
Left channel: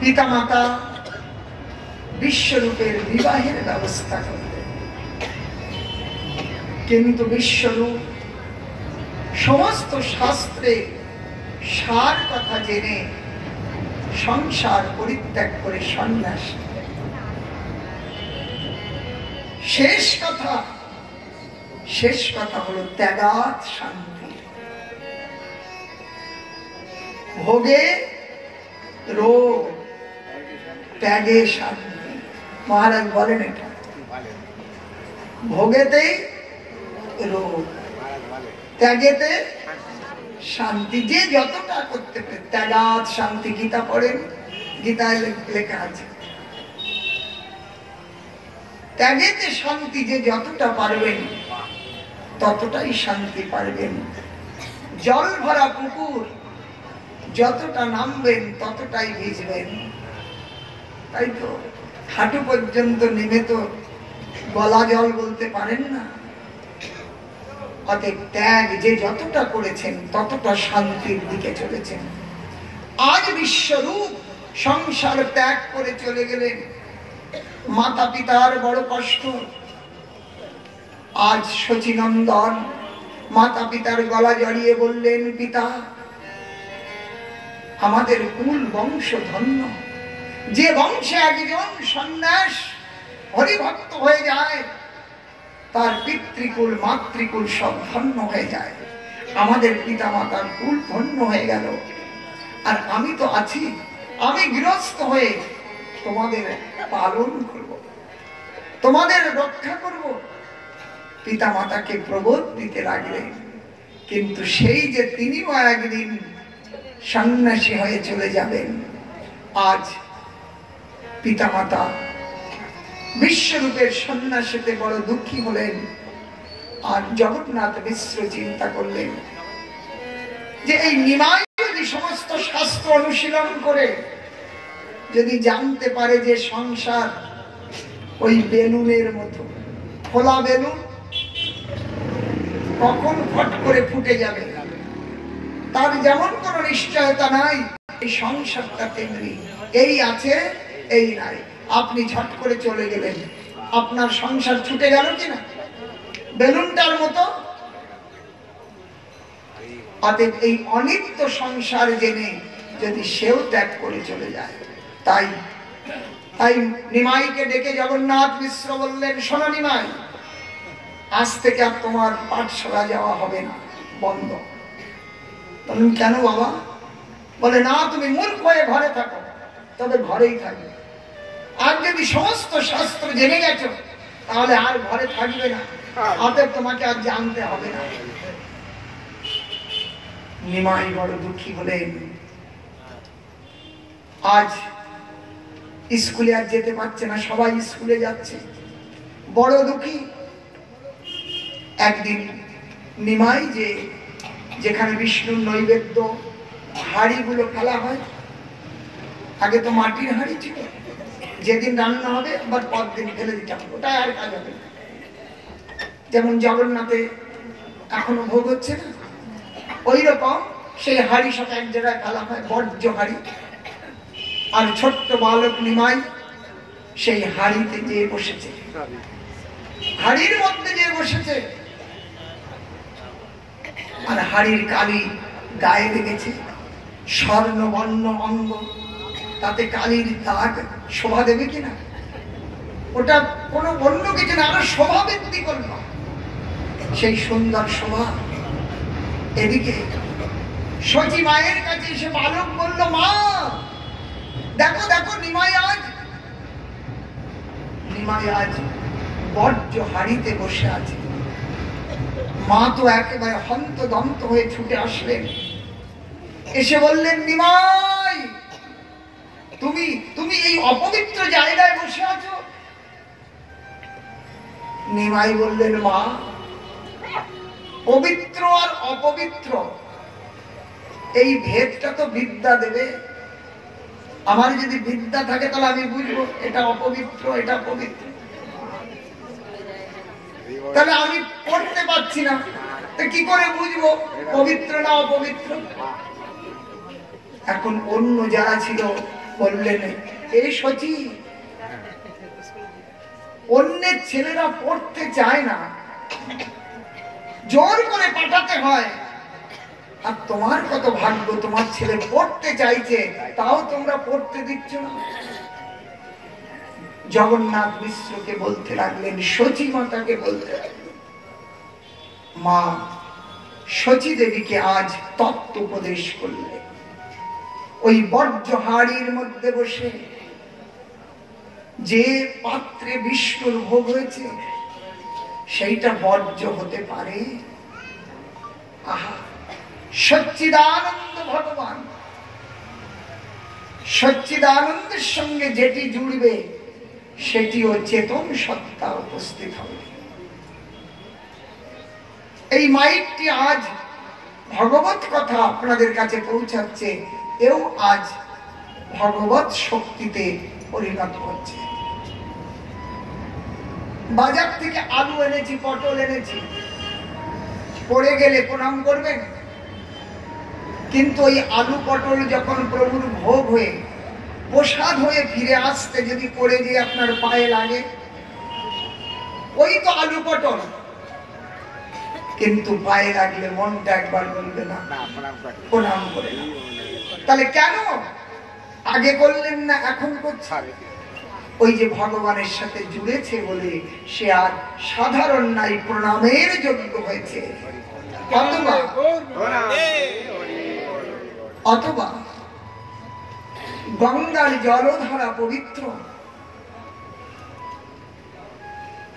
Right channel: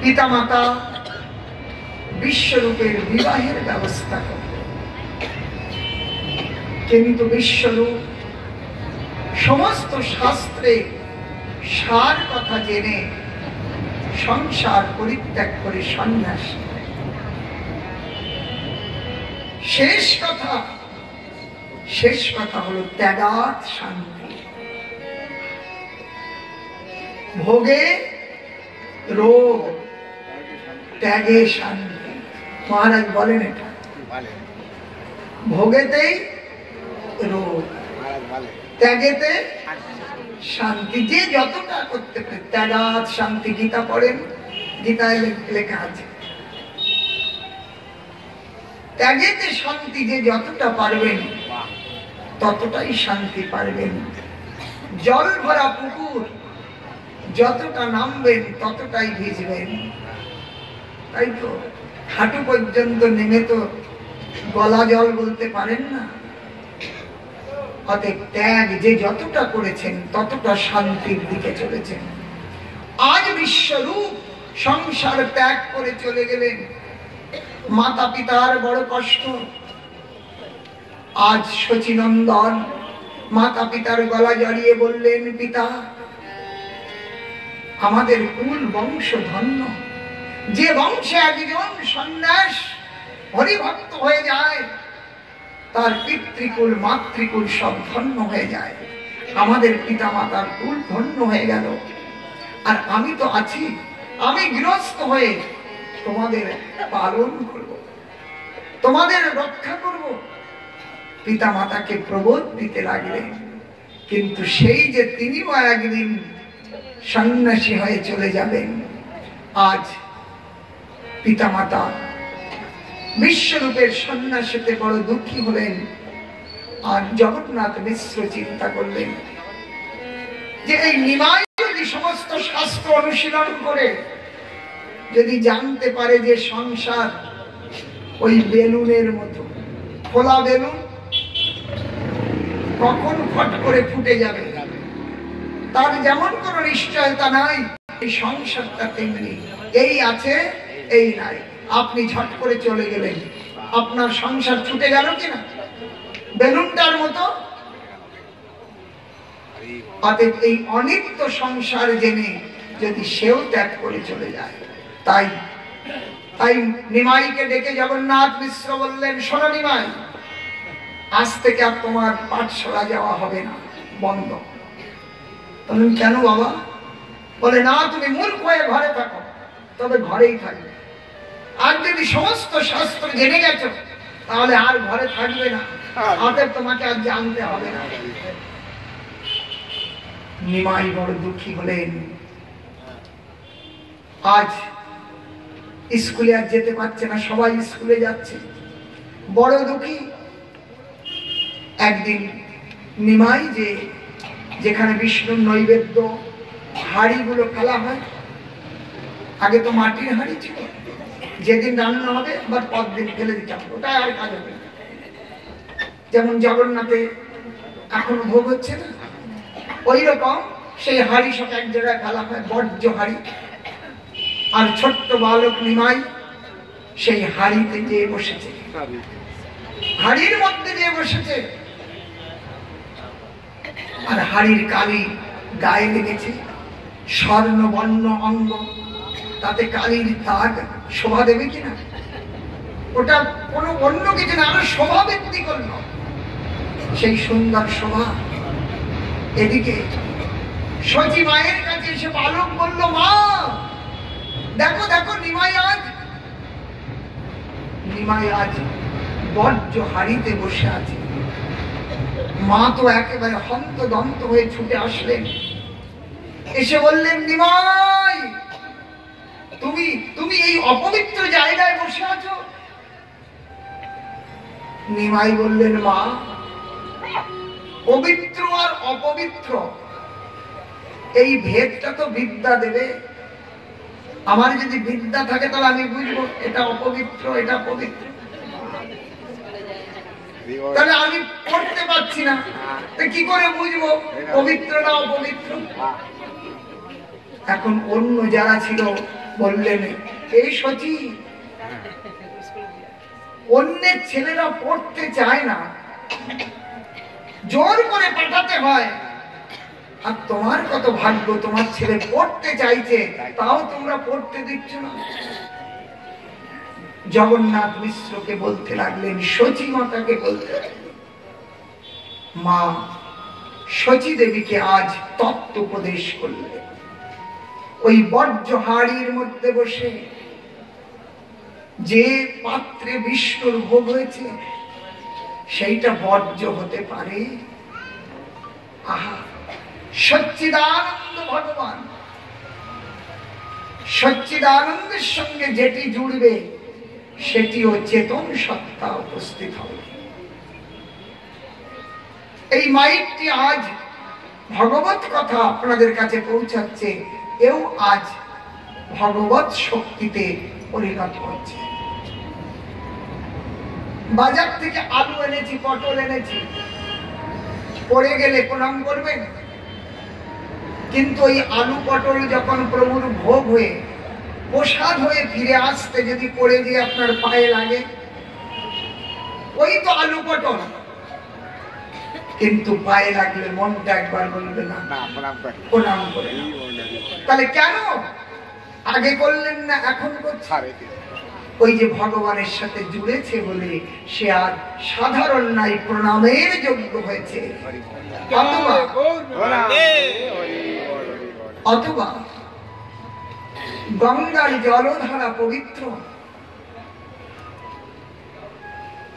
পিতামাতা বিশ্বরূপের বিবাহের ব্যবস্থা করলেন, কিন্তু বিশ্বরূপ সমস্ত শাস্ত্রে সার কথা জেনে সংসার পরিত্যাগ করে সন্ন্যাস। শেষ কথা হলো ত্যাগাৎ শান্তি। ভোগে রোগ, ত্যাগে শান্তি। মহারাজ বলেন এটা, ভোগেতেই রোগ, ত্যাগেতে শান্তি। যে যতটা করতে পারে, ত্যাগাৎ শান্তি। গীতা পড়েন, গীতায় লেখা আছে ত্যাগেতে শান্তি। যে যতটা পারবেন ততটাই শান্তি পারবেন। জল ভরা পুকুর, যতটা নামবেন ততটাই ভিজবেন, তাই তো? হাঁটু পর্যন্ত নেমে তো গলা জল বলতে পারেন না। অতএব ত্যাগ যে যতটা করেছেন ততটা শান্তির দিকে চলেছেন। আজ বিশ্বরূপ সংসার ত্যাগ করে চলে গেলেন। মাতা পিতার বড় কষ্ট। আজ শচীনন্দন মাতা পিতার গলা জড়িয়ে বললেন, পিতা আমাদের কুল বংশ ধন্য। যে বংশে একজন সন্ন্যাস হরিভক্ত হয়ে যায় তার পিতৃকুল মাতৃকুল সব ধন্য হয়ে যায়। আমাদের পিতা মাতার কুল ধন্য হয়ে গেল, আর আমি তো আছি, আমি গৃহস্থ হয়ে তোমাদের পালন করব, তোমাদের রক্ষা করব। পিতা মাতাকে প্রবোধ দিতে লাগলেন, কিন্তু সেই যে তিনিও একদিন সন্ন্যাসী হয়ে চলে যাবেন। আজ পিতা মাতা বিশ্বরূপের সন্ন্যাসীতে বড় দুঃখী হলেন। আর জগন্নাথ মিশ্র চিন্তা করলেন যে এই নিমাই যদি সমস্ত শাস্ত্র অনুশীলন করে যদি জানতে পারে যে সংসার ওই বেলুনের মতো, খোলা বেলুন কখন ফট করে ফুটে যাবে তার যেমন কোনো নিশ্চয়তা নাই, এই সংসারটা তেমনি, এই আছে এই নাই। আপনি ঝট করে চলে গেলেন, আপনার সংসার ছুটে গেল কিনা বেলুনটার মতো? অতএব এই অনিত্য সংসার জেনে যদি সেও ত্যাগ করে চলে যায়, তাই তাই নিমাইকে ডেকে জগন্নাথ মিশ্র বললেন, শোনো নিমাই, আজ থেকে আর তোমার পাঠশালা যাওয়া হবে না, বন্ধ। বললেন, কেন বাবা? বলে, না, তুমি মূর্খ হয়ে ঘরে থাকো, তবে ঘরেই থাকবে। আর যদি সমস্ত শাস্ত্র জেনে গেছো তাহলে আর ঘরে থাকবে না, অতএব তোমাকে আর জানতে হবে না। নিমাই বড় দুঃখী হলেন। আজ স্কুলে আর যেতে পারছে না, সবাই স্কুলে যাচ্ছে, বড় দুঃখী। একদিন নিমাই যেখানে বিষ্ণুর নৈবেদ্য হাঁড়িগুলো ফেলা হয়, আগে তো মাটির হাঁড়ি ছিল, যেদিন রান্না হবে আবার পরদিন ফেলে দিতে হবে, ওটা আর কাজ হবে না। যেমন জগন্নাথে এখনো ভোগ হচ্ছে না, ওই রকম সেই হাঁড়ি সব এক জায়গায় ফেলা হয়, বর্জ্য হাঁড়ি। আর ছোট্ট বালক নিমাই সেই হাঁড়িতে যেয়ে বসেছে, হাঁড়ির মধ্যে যেয়ে বসেছে, আর হাঁড়ির কালি গায়ে লেগেছে, স্বর্ণ বর্ণ অঙ্গ, তাতে কালির দাগ শোভা দেবে কিনা? ওটা কোনো অন্য কিছু না, আরো শোভা বৃদ্ধি করল সেই সুন্দর শোভা। এদিকে সচি মায়ের কাছে এসে বালক বলল, মা দেখো দেখো, নিমাই আজ বর্জ্য হাড়িতে বসে আছে। মা তো একেবারে হন্তদন্ত হয়ে ছুটে আসলেন, এসে বললেন, নিমাই তুমি এই অপবিত্র জায়গায় বসে আছো? নিমাই বললেন, মা, পবিত্র আর অপবিত্র এই ভেদটা তো বিদ্যা দেবে। আমার যদি বিদ্যা থাকে তাহলে আমি বুঝবো এটা অপবিত্র, এটা পবিত্র। তাহলে আমি পড়তে পারছি না, কি করে বুঝবো পবিত্র না অপবিত্র? এখন অন্য যারা ছিল বললেন, এই সচি, অন্যের ছেলেরা পড়তে চায় না, জোর করে পাঠাতে হয়, আর তোমার কত ভাগ্য, তোমার ছেলে পড়তে চাইছে, তাও তোমরা পড়তে দিচ্ছ না। জগন্নাথ মিশ্রকে বলতে লাগলেন, সচি মাতাকে বলতে লাগলেন, মা সচি দেবীকে আজ তত্ত্ব উপদেশ করলেন। ওই বর্জ্য হাড়ির মধ্যে বসে যে পাত্রে বিষ্ণুর ভোগ হয়েছে সেইটা বর্জ্য হতে পারে? আহা, সচ্চিদানন্দ ভগবান, সচ্চিদানন্দের সঙ্গে যেটি জুড়বে সেটিও চেতন সত্তা উপস্থিত হবে। এই মাইকটি আজ ভগবত কথা আপনাদের কাছে পৌঁছাচ্ছে, এও আজ ভগবত শক্তিতে পরিণত হচ্ছে। বাজার থেকে আলু এনেছি, পটল এনেছি, পড়ে গেলে প্রণাম করবেন, কিন্তু ওই আলু পটল যখন প্রভুর ভোগ হয়ে প্রসাদ হয়ে ফিরে আসতে যদি পড়ে গিয়ে আপনার পায়ে লাগে, ওই তো আলু পটল, কিন্তু পায়ে লাগলে মনটা একবার বলবে না প্রণাম করে। তাহলে কেন আগে করলেন না, এখন করছে? ওই যে ভগবানের সাথে জুড়েছে বলে সে আর সাধারণ নাই, প্রণামের যোগ্য হয়েছে। অথবা গঙ্গার জলধারা পবিত্র,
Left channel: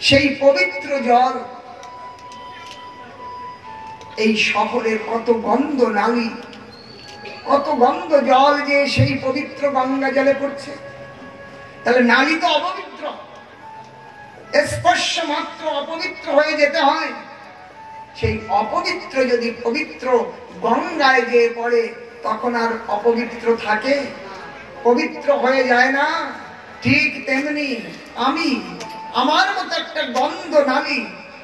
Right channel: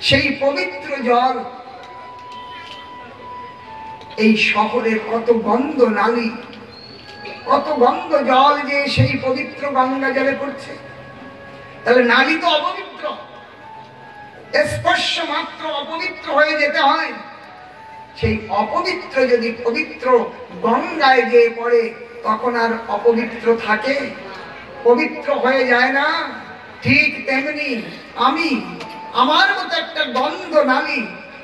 সেই পবিত্র জল এই শহরের কত গন্ধ নালী, কত গন্ধ জল যে সেই পবিত্র গঙ্গা জলে পড়ছে। তাহলে নালী তো অপবিত্র, স্পর্শ মাত্র অপবিত্র হয়ে যেতে হয়। সেই অপবিত্র যদি পবিত্র গঙ্গায় গিয়ে পড়ে তখন আর অপবিত্র থাকে? পবিত্র হয়ে যায় না? ঠিক তেমনি আমি, আমার মতো একটা গন্ধ নালী,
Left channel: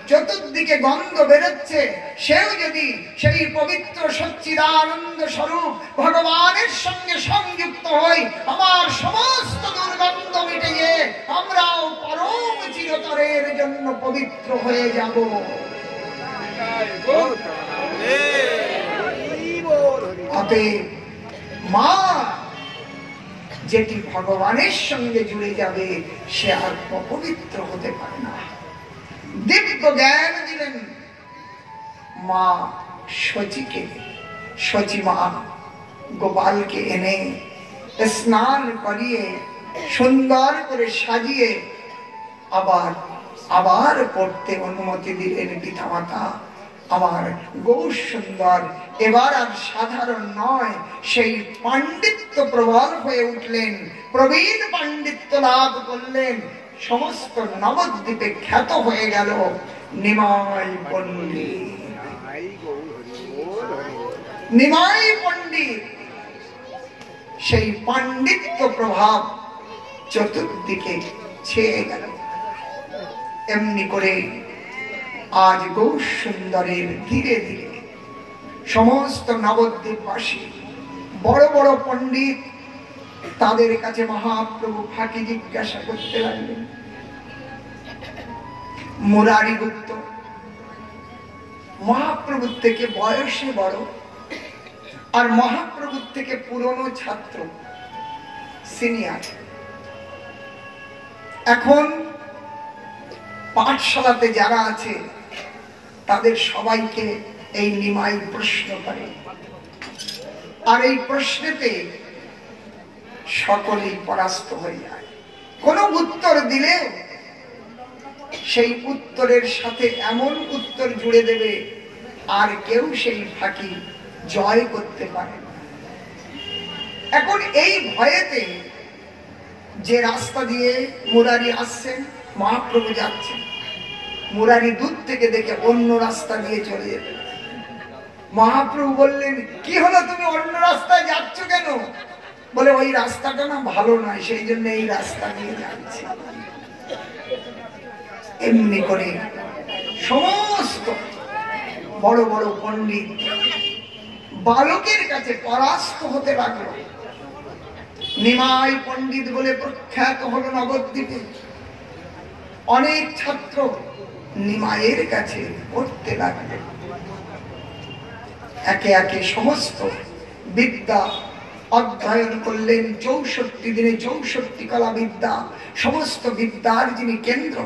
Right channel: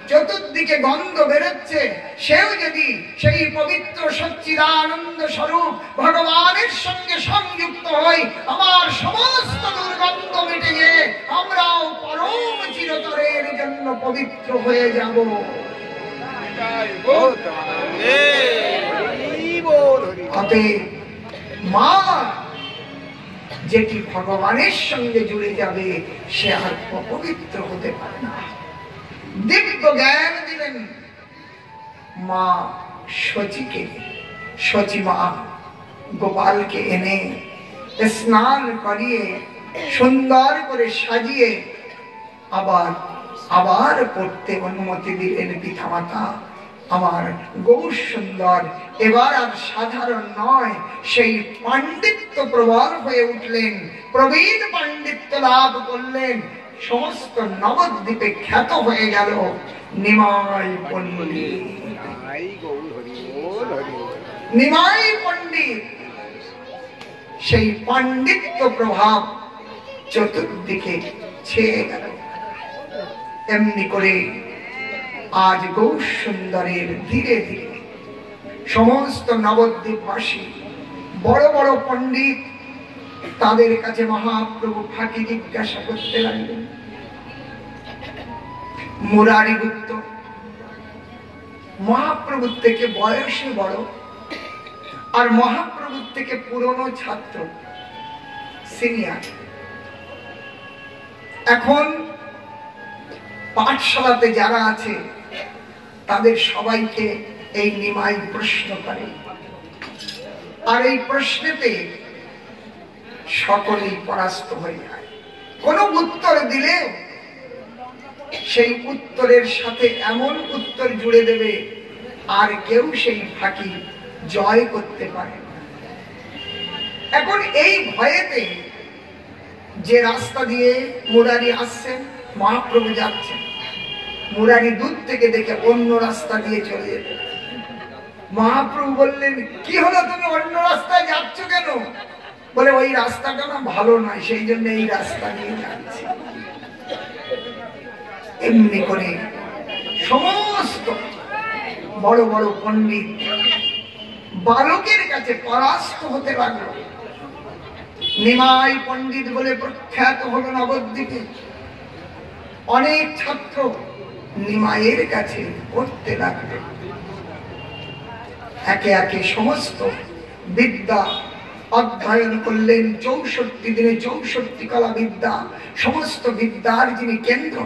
চতুর্দিকে গন্ধ বেরোচ্ছে, সেও যদি সেই পবিত্র সচ্চিদানন্দ স্বরূপ ভগবানের সঙ্গে সংযুক্ত হই, আমার সমস্ত দুর্গন্ধ মিটে গিয়ে আমরাও পরম চিরতরের জন্য পবিত্র হয়ে যাব। অতএব মা যেটি ভগবানের সঙ্গে জুড়ে যাবে সে আর অপবিত্র হতে পারে না। দিব্য জ্ঞান দিলেন মা শচীকে। শচী মা গোপালকে এনে স্নান করিয়ে সুন্দর করে সাজিয়ে আবার পড়তে অনুমতি দিলেন পিতামাতা। আমার গৌর সুন্দর এবার আর সাধারণ নয়, সেই পাণ্ডিত্য প্রবল হয়ে উঠলেন, প্রবীণ পাণ্ডিত্য লাভ করলেন, সমস্ত নবদ্বীপে খ্যাত হয়ে গেল নিমাই পণ্ডিত। নিমাই পণ্ডিত সেই পাণ্ডিত্য প্রভাব চতুর্দিকে ছেয়ে গেল। এমনি করে আজ গৌর সুন্দরের ধীরে ধীরে সমস্ত নবদ্বীপবাসী বড় বড় পণ্ডিত তাদের কাছে মহাপ্রভু ফাঁকি জিজ্ঞাসা করতে লাগলেন। মুরারি গুপ্ত মহাপ্রভুর থেকে বয়সে বড় আর মহাপ্রভুর থেকে পুরনো ছাত্র, সিনিয়র। এখন পাঠশালাতে যারা আছে তাদের সবাইকে এই নিমাই প্রশ্ন করে, আর এই প্রশ্নেতে সকলেই পরাস্ত হয়ে যায়। কোন উত্তর দিলে সেই উত্তরের সাথে এমন উত্তর জুড়ে দেবে আর কেউ সেই ফাঁকি জয় করতে পারে না। এখন এই ভয়েতে যে রাস্তা দিয়ে মুরারি আসছেন, মহাপ্রভু যাচ্ছেন, মুরারি দূর থেকে দেখে অন্য রাস্তা দিয়ে চলে যেতে। মহাপ্রভু বললেন, কি হলো, তুমি অন্য রাস্তায় যাচ্ছ কেন? বলে, ওই রাস্তাটা না ভালো নয়, সেই জন্য এই রাস্তা দিয়ে যাচ্ছি। এমনি করে সমস্ত বড় বড় পণ্ডিত বালকের কাছে পরাস্ত হতে লাগলো। নিমাই পণ্ডিত বলে প্রখ্যাত হলো নবদ্বীপে। অনেক ছাত্র নিমাইয়ের কাছে পড়তে লাগলো। একে একে সমস্ত বিদ্যা অধ্যয়ন করলেন। 64 দিনে 64 কলা বিদ্যা, সমস্ত বিদ্যার যিনি কেন্দ্র।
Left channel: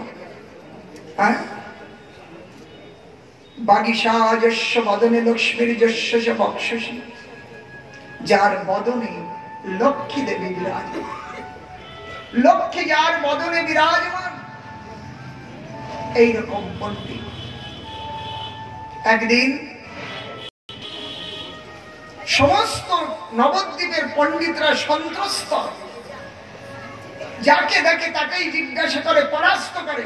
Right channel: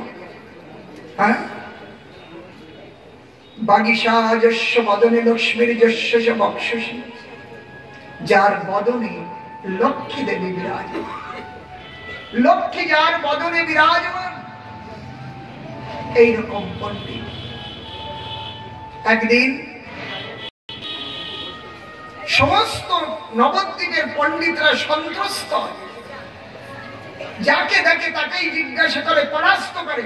বাগীশা যস্য বদনে লক্ষ্মীর যস্য চ বক্ষসি, যার বদনে লক্ষ্মী দেবী বিরাজমান। লক্ষ্মী যার বদনে বিরাজমান, এইরকম পণ্ডিত। একদিন সমস্ত নবদ্বীপের পণ্ডিতরা সন্ত্রস্ত, যাকে দেখে তাকেই জিজ্ঞাসা করে, পরাস্ত করে।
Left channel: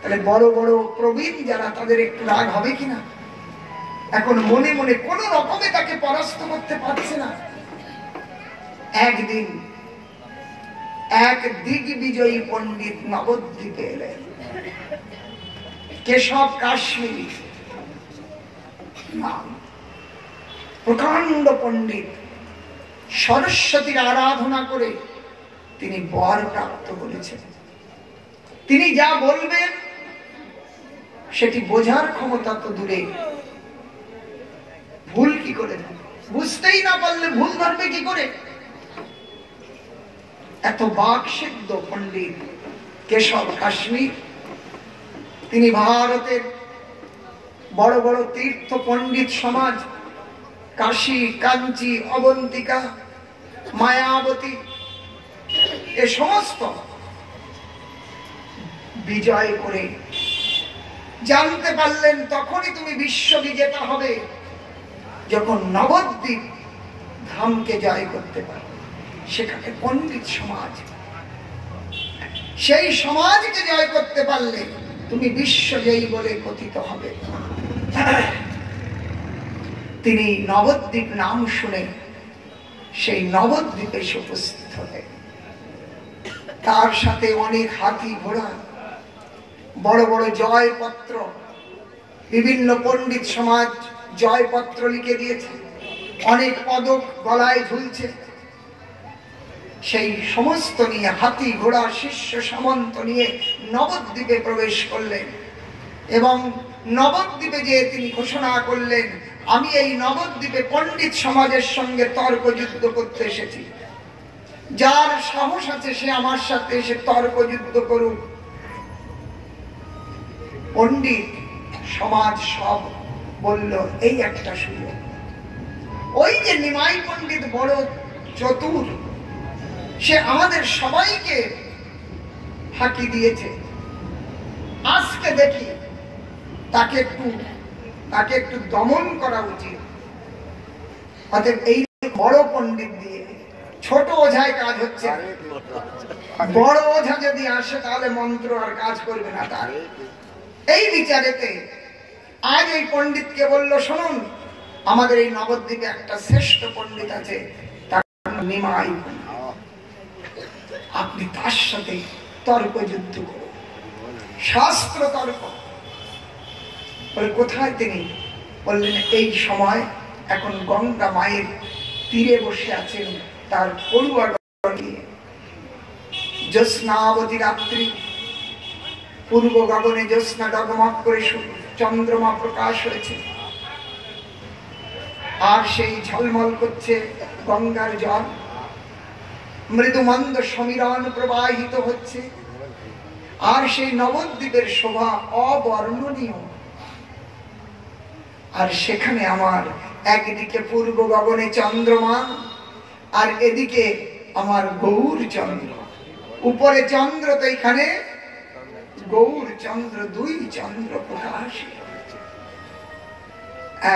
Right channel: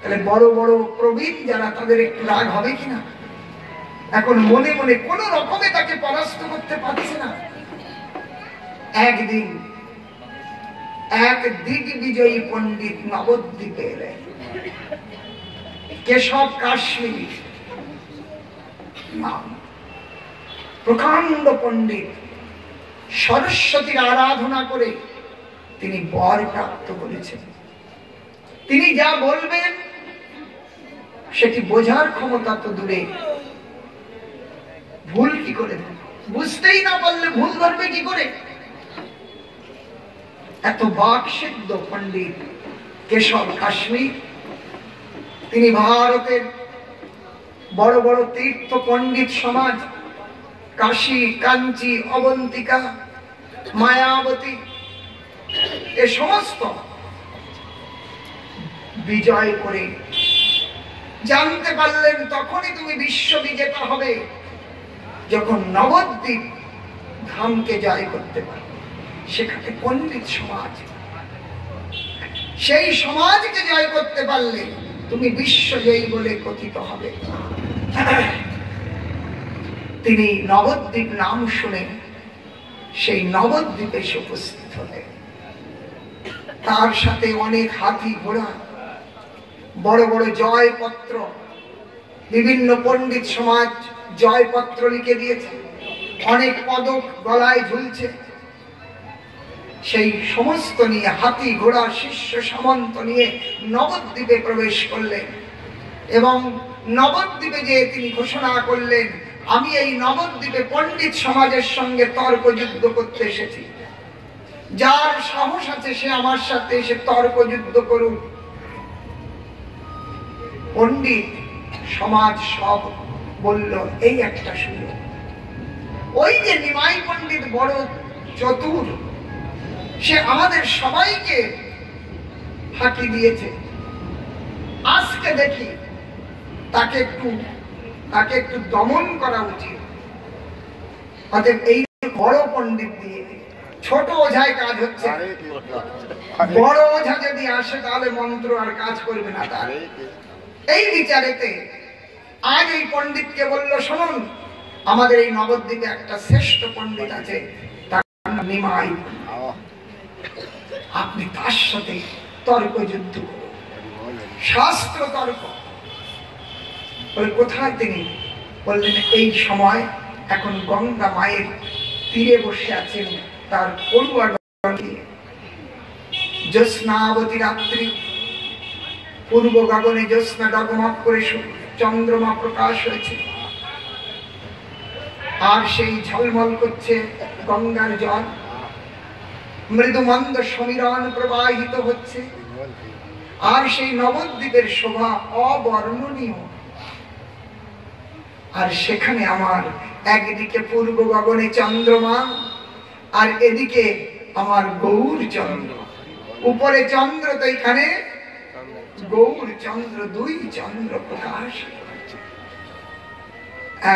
তাহলে বড় বড় প্রবীণ যারা, তাদের একটু রাগ হবে কিনা? এখন মনে মনে কোন রকমে তাকে পরাস্ত করতে পারছে না। একদিন এক দিগ্বিজয়ী পণ্ডিত নবদ্বীপে এলেন, কেশব কাশ্মীরি নাম, প্রকাণ্ড পণ্ডিত। সরস্বতীর আরাধনা করে তিনি বর প্রাপ্ত করেছেন। তিনি যা বলবেন সেটি বোঝার ক্ষমতা তো দূরে, ভুল কি করে বুঝতেই না পারলে ভুল ধরবে কি করে? এত বাকসিদ্ধ পণ্ডিত কেশব কাশ্মীর। তিনি ভারতের বড় বড় তীর্থ পণ্ডিত সমাজ, কাশী, কাঞ্চি, অবন্তিকা, মায়াবতী, এ সমস্ত বিজয় করে জানতে পারলেন তখনই তুমি বিশ্ব বিজেতা হবে যখন নবদ্বীপ ধামকে জয় করতে পারবে। সেখানে পণ্ডিত সমাজ, সেই সমাজকে জয় করতে পারলে তুমি বিশ্বজয়ী বলে কথিত হবে। তিনি নবদ্বীপ নাম শুনে সেই নবদ্বীপে এসে উপস্থিত হলেন। তার সাথে অনেক হাতি ঘোড়া, বড় বড় জয়পত্র, বিভিন্ন পণ্ডিত সমাজ জয়পত্র লিখে দিয়েছে, অনেক পদক গলায় ঝুলছে। সেই সমস্ত নিয়ে হাতি ঘোড়া শিষ্য সামন্ত নিয়ে নবদ্বীপে প্রবেশ করলেন এবং নবদ্বীপে যে তিনি ঘোষণা করলেন, আমি এই নবদ্বীপে পণ্ডিত সমাজের সঙ্গে তর্ক যুদ্ধ করতে এসেছি। যার সাহস আছে সে আমার সাথে এসে তর্ক যুদ্ধ করুক। পণ্ডিত সমাজ সব বলল এই একটা সুযোগ। ওই যে নিমাই পণ্ডিত বড় চতুর, সে আমাদের সবাইকে ফাঁকি দিয়েছে। আজকে দেখি তাকে একটু দমন করা উচিত। অতএব এই বড় পণ্ডিত দিয়ে ছোট ওঝায় কাজ হচ্ছে। বড় ওঝা যদি আসে তাহলে মন্ত্র আর কাজ করবে না তার। এই বিচারেতে আজ এই পণ্ডিতকে বলল, শুনুন, আমাদের এই নবদ্বীপে একটা শ্রেষ্ঠ পণ্ডিত আছে, তার নাম নিমাই। আপনি তার সাথে তর্ক যুদ্ধ করুন, শাস্ত্র তর্ক। কোথায় তিনি বললেন, এই সময় এখন গঙ্গা মায়ের তীরে বসে আছেন তার পড়ুয়া নিয়ে। জ্যোৎস্নাবতী রাত্রি, পূর্ব গগনে জ্যোৎস্না ডগমগ করে চন্দ্রমা প্রকাশ হয়েছে, আর সেই ঝলমল করছে গঙ্গার জল, মৃদুমন্দ সমীরণ প্রবাহিত হচ্ছে, আর সেই নবদ্বীপের শোভা অবর্ণনীয়। আর সেখানে আমার একদিকে পূর্ব গগনে চন্দ্রমা, আর এদিকে আমার গৌর চন্দ্র। উপরে চন্দ্র তো এখানে গৌর চন্দ্র, দুই চন্দ্র প্রকাশ।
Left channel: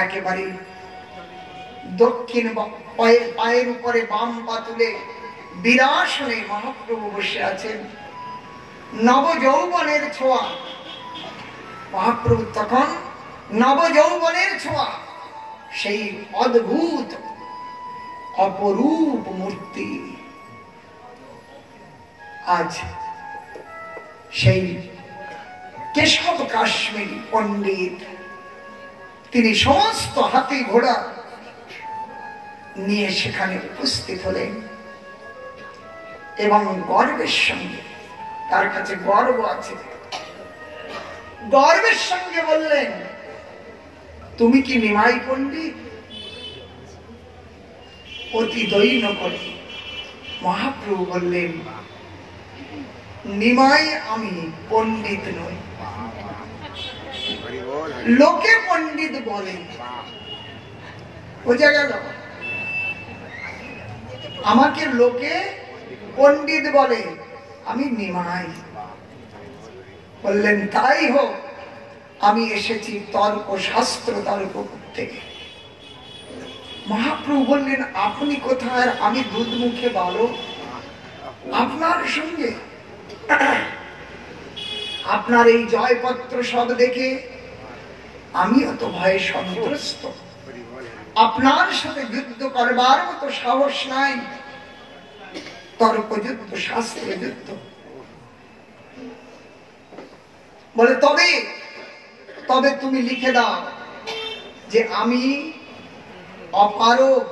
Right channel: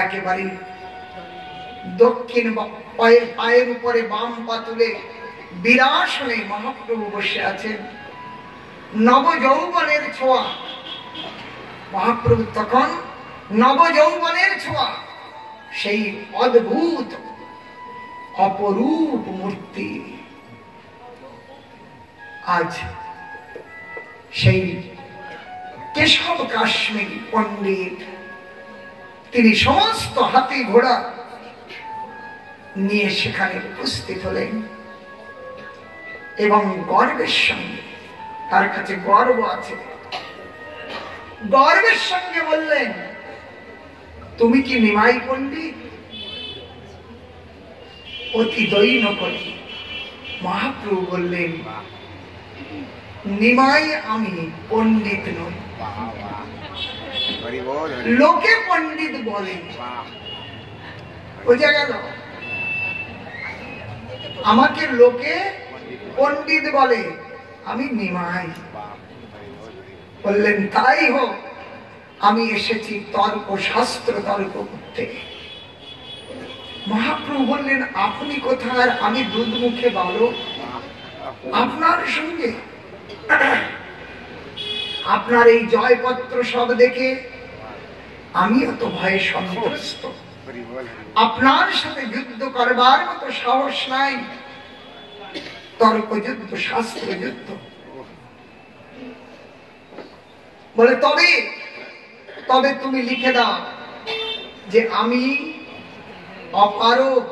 একেবারে দক্ষিণ পায়ের উপরে বাম পা তুলে বিরাসনে মহাপ্রভু বসে আছেন। নবযৌবনের ছোঁয়া, মহাপ্রভু তখন নবযৌবনের ছোঁয়া, সেই অদ্ভুত অপরূপ মূর্তি। আজ সেই কেশব কাশ্মীরি পণ্ডিত, তিনি সমস্ত হাতি ঘোড়া নিয়ে সেখানে উপস্থিত হলেন এবং গর্বের সঙ্গে, তার কাছে গর্ব আছে, গর্বের সঙ্গে বললেন, তুমি কি নিমাই পণ্ডিত? অতি দৈন্য করে মহাপ্রভু বললেন, নিমাই আমি, পণ্ডিত নই। লোকে পণ্ডিত বলে, বোঝা গেল? আমাকে লোকে পণ্ডিত বলে, আমি নিমাই। বললেন, তাই হোক, আমি এসেছি তর্ক শাস্ত্র তর্ক করতে। মহাপ্রভু বললেন, আপনি কোথায়? আমি দুধ মুখে বালক, আপনার সঙ্গে আপনার এই জয়পত্র সব দেখে আমিও তো ভয়ে সন্ত্রস্ত। আপনার সাথে যুদ্ধ করবার মতো সাহস নাই। তর্ক যুদ্ধ, শাস্ত্র যুদ্ধ। বলে, তবে তুমি লিখে দাও যে আমি অপারগ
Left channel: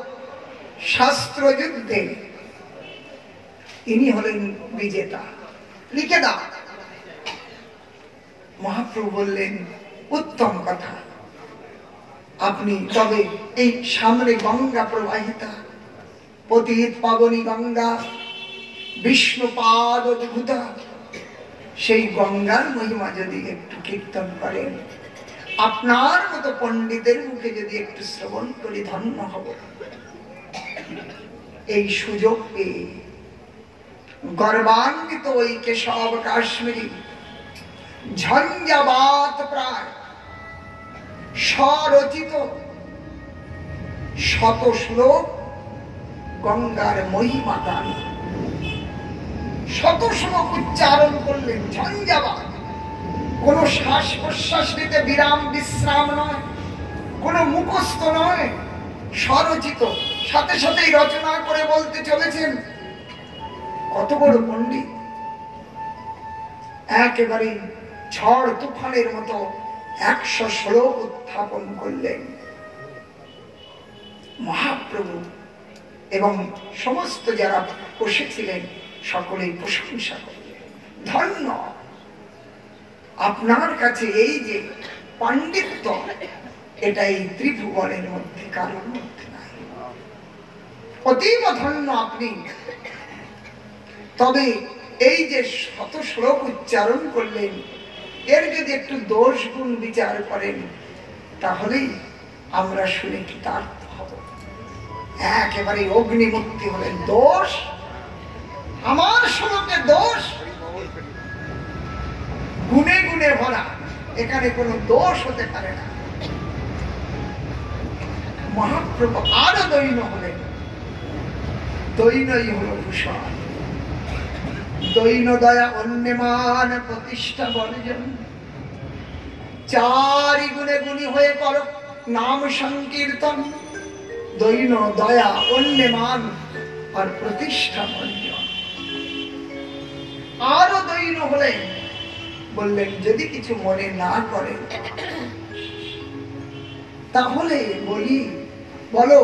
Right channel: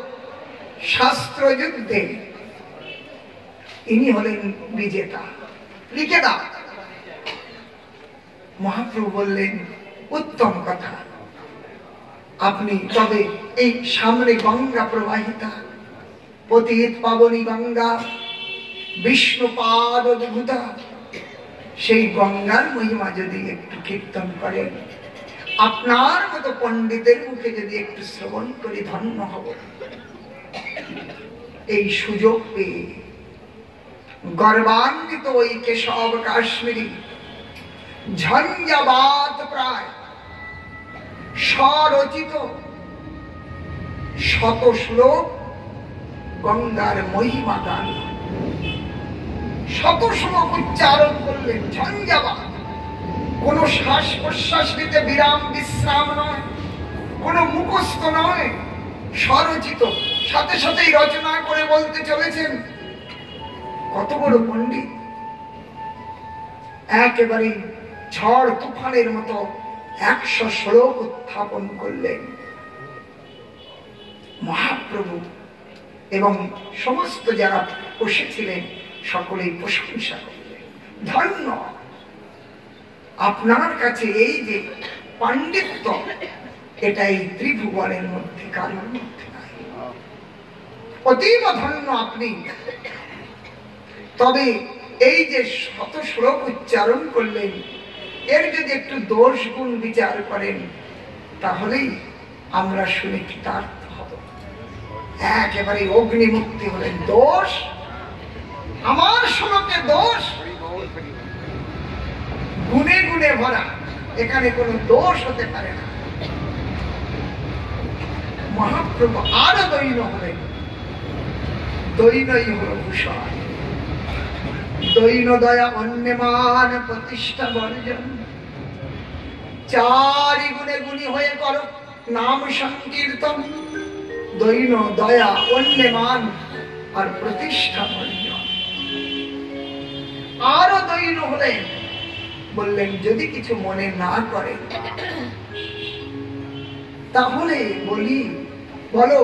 শাস্ত্র যুদ্ধে, ইনি হলেন বিজেতা, লিখে দাও। মহাপ্রভু বললেন, উত্তম কথা। আপনি তবে এই সামনে গঙ্গা প্রবাহিতা, পতিত পাবনী গঙ্গা, বিষ্ণুপাদ অদ্ভুতা, সেই গঙ্গার মহিমা যদি একটু কীর্তন করেন, আপনার মতো পণ্ডিতের মুখে যদি একটু শ্রবণ করি, ধন্য হব। এই সুযোগ পেয়ে গর্বান্বিত ওই কেশব কাশ্মীরি ঝঞ্ঝাবাত প্রায় স্বরচিত শত শ্লোক গঙ্গার মহিমা গান, শত শ্লোক উচ্চারণ করলেন। ঝঞ্ঝাবাত, কোন শ্বাস প্রশ্বাস নিতে বিরাম বিশ্রাম নয়, কোন মুখস্থ নয়, স্বরচিত, সাথে সাথেই রচনা করে বলতে চলেছেন। কত বড় পণ্ডিত! একেবারে ঝড় তুফানের মতো 100 শ্লোক উত্থাপন করলেন মহাপ্রভু, এবং সমস্ত যারা বসেছিলেন সকলেই প্রশংসা করলেন। ধন্য, আপনার কাছে এই যে পাণ্ডিত্য, এটা এই ত্রিভুবনের মধ্যে কারোর মধ্যে নাই। অতীব ধন্য আপনি। তবে এই যে শত শ্লোক উচ্চারণ করলেন, এর যদি একটু দোষ গুণ বিচার করেন তাহলেই আমরা শুনে কৃতার্থ হব। একেবারে অগ্নিমুক্তি হলেন। দোষ আমার শ্লোকে দোষ, গুণে গুণে ভরা, এখানে কোনো দোষ হতে পারে না। মহাপ্রভু আরো দৈন্য হলেন। দৈনই হল ভূষণ। দৈন দয়া অন্যমান প্রতিষ্ঠা বর্জন। চারি গুণে গুণী হয়ে করো নাম সংকীর্তন। দৈন দয়া অন্যমান আর প্রতিষ্ঠা বর্জন। আরো দৈন হলেন, বললেন যদি কিছু মনে না করে তাহলে বলি, বলো।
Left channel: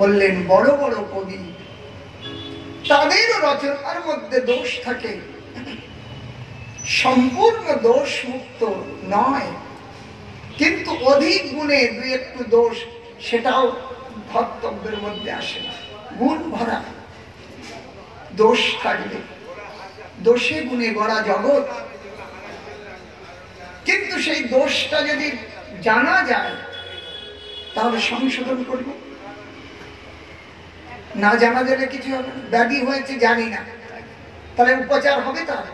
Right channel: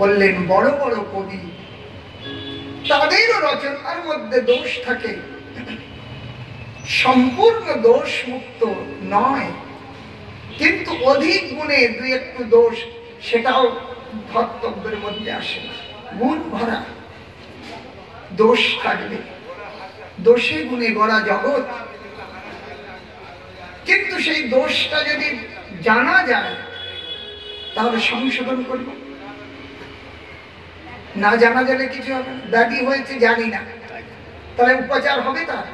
বললেন বড় বড় কবি, তাদেরও রচনার মধ্যে দোষ থাকে, সম্পূর্ণ দোষ মুক্ত নয়, কিন্তু অধিক গুণে দুই একটু দোষ, সেটাও ধর্তব্যের মধ্যে আসে না। গুণ ভরা দোষ থাকবে, দোষে গুণে গড়া জগৎ। কিন্তু সেই দোষটা যদি জানা যায় তাহলে সংশোধন করব, না জানা গেলে কিছু হবে না। ব্যাধি হয়েছে জানি না, তাহলে উপচার হবে? তার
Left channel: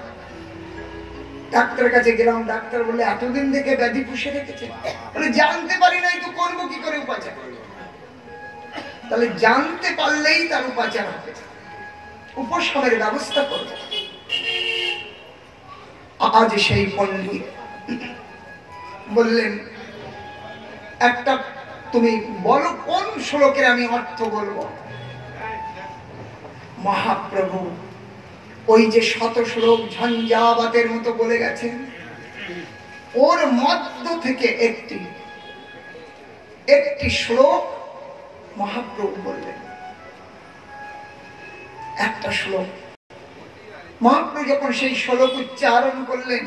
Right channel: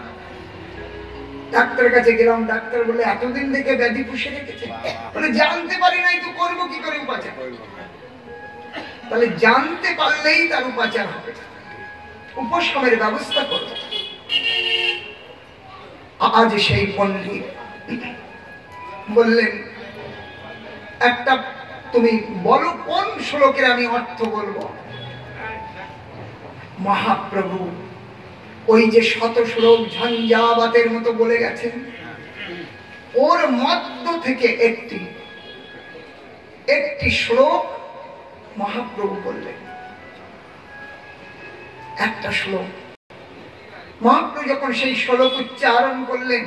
ডাক্তারের কাছে গেলাম, ডাক্তার বললে এতদিন থেকে ব্যাধি পুষে রেখেছে। বলে জানতে পারি নাই তো করবো কি করে উপাচার? তাহলে জানতে পারলেই তার উপাচার হবে, উপশমের ব্যবস্থা করব। আজ সেই পণ্ডিত বললেন একটা তুমি বলো কোন শ্লোকের আমি অর্থ বলবো। মহাপ্রভু ওই যে শত শ্লোক ঝঞ্ঝাবাতের মতো বলে গেছেন, ওর মধ্য থেকে একটি শ্লোক মহাপ্রভু বললেন। একটা শ্লোক মহাপ্রভু যখন সেই শ্লোক উচ্চারণ করলেন,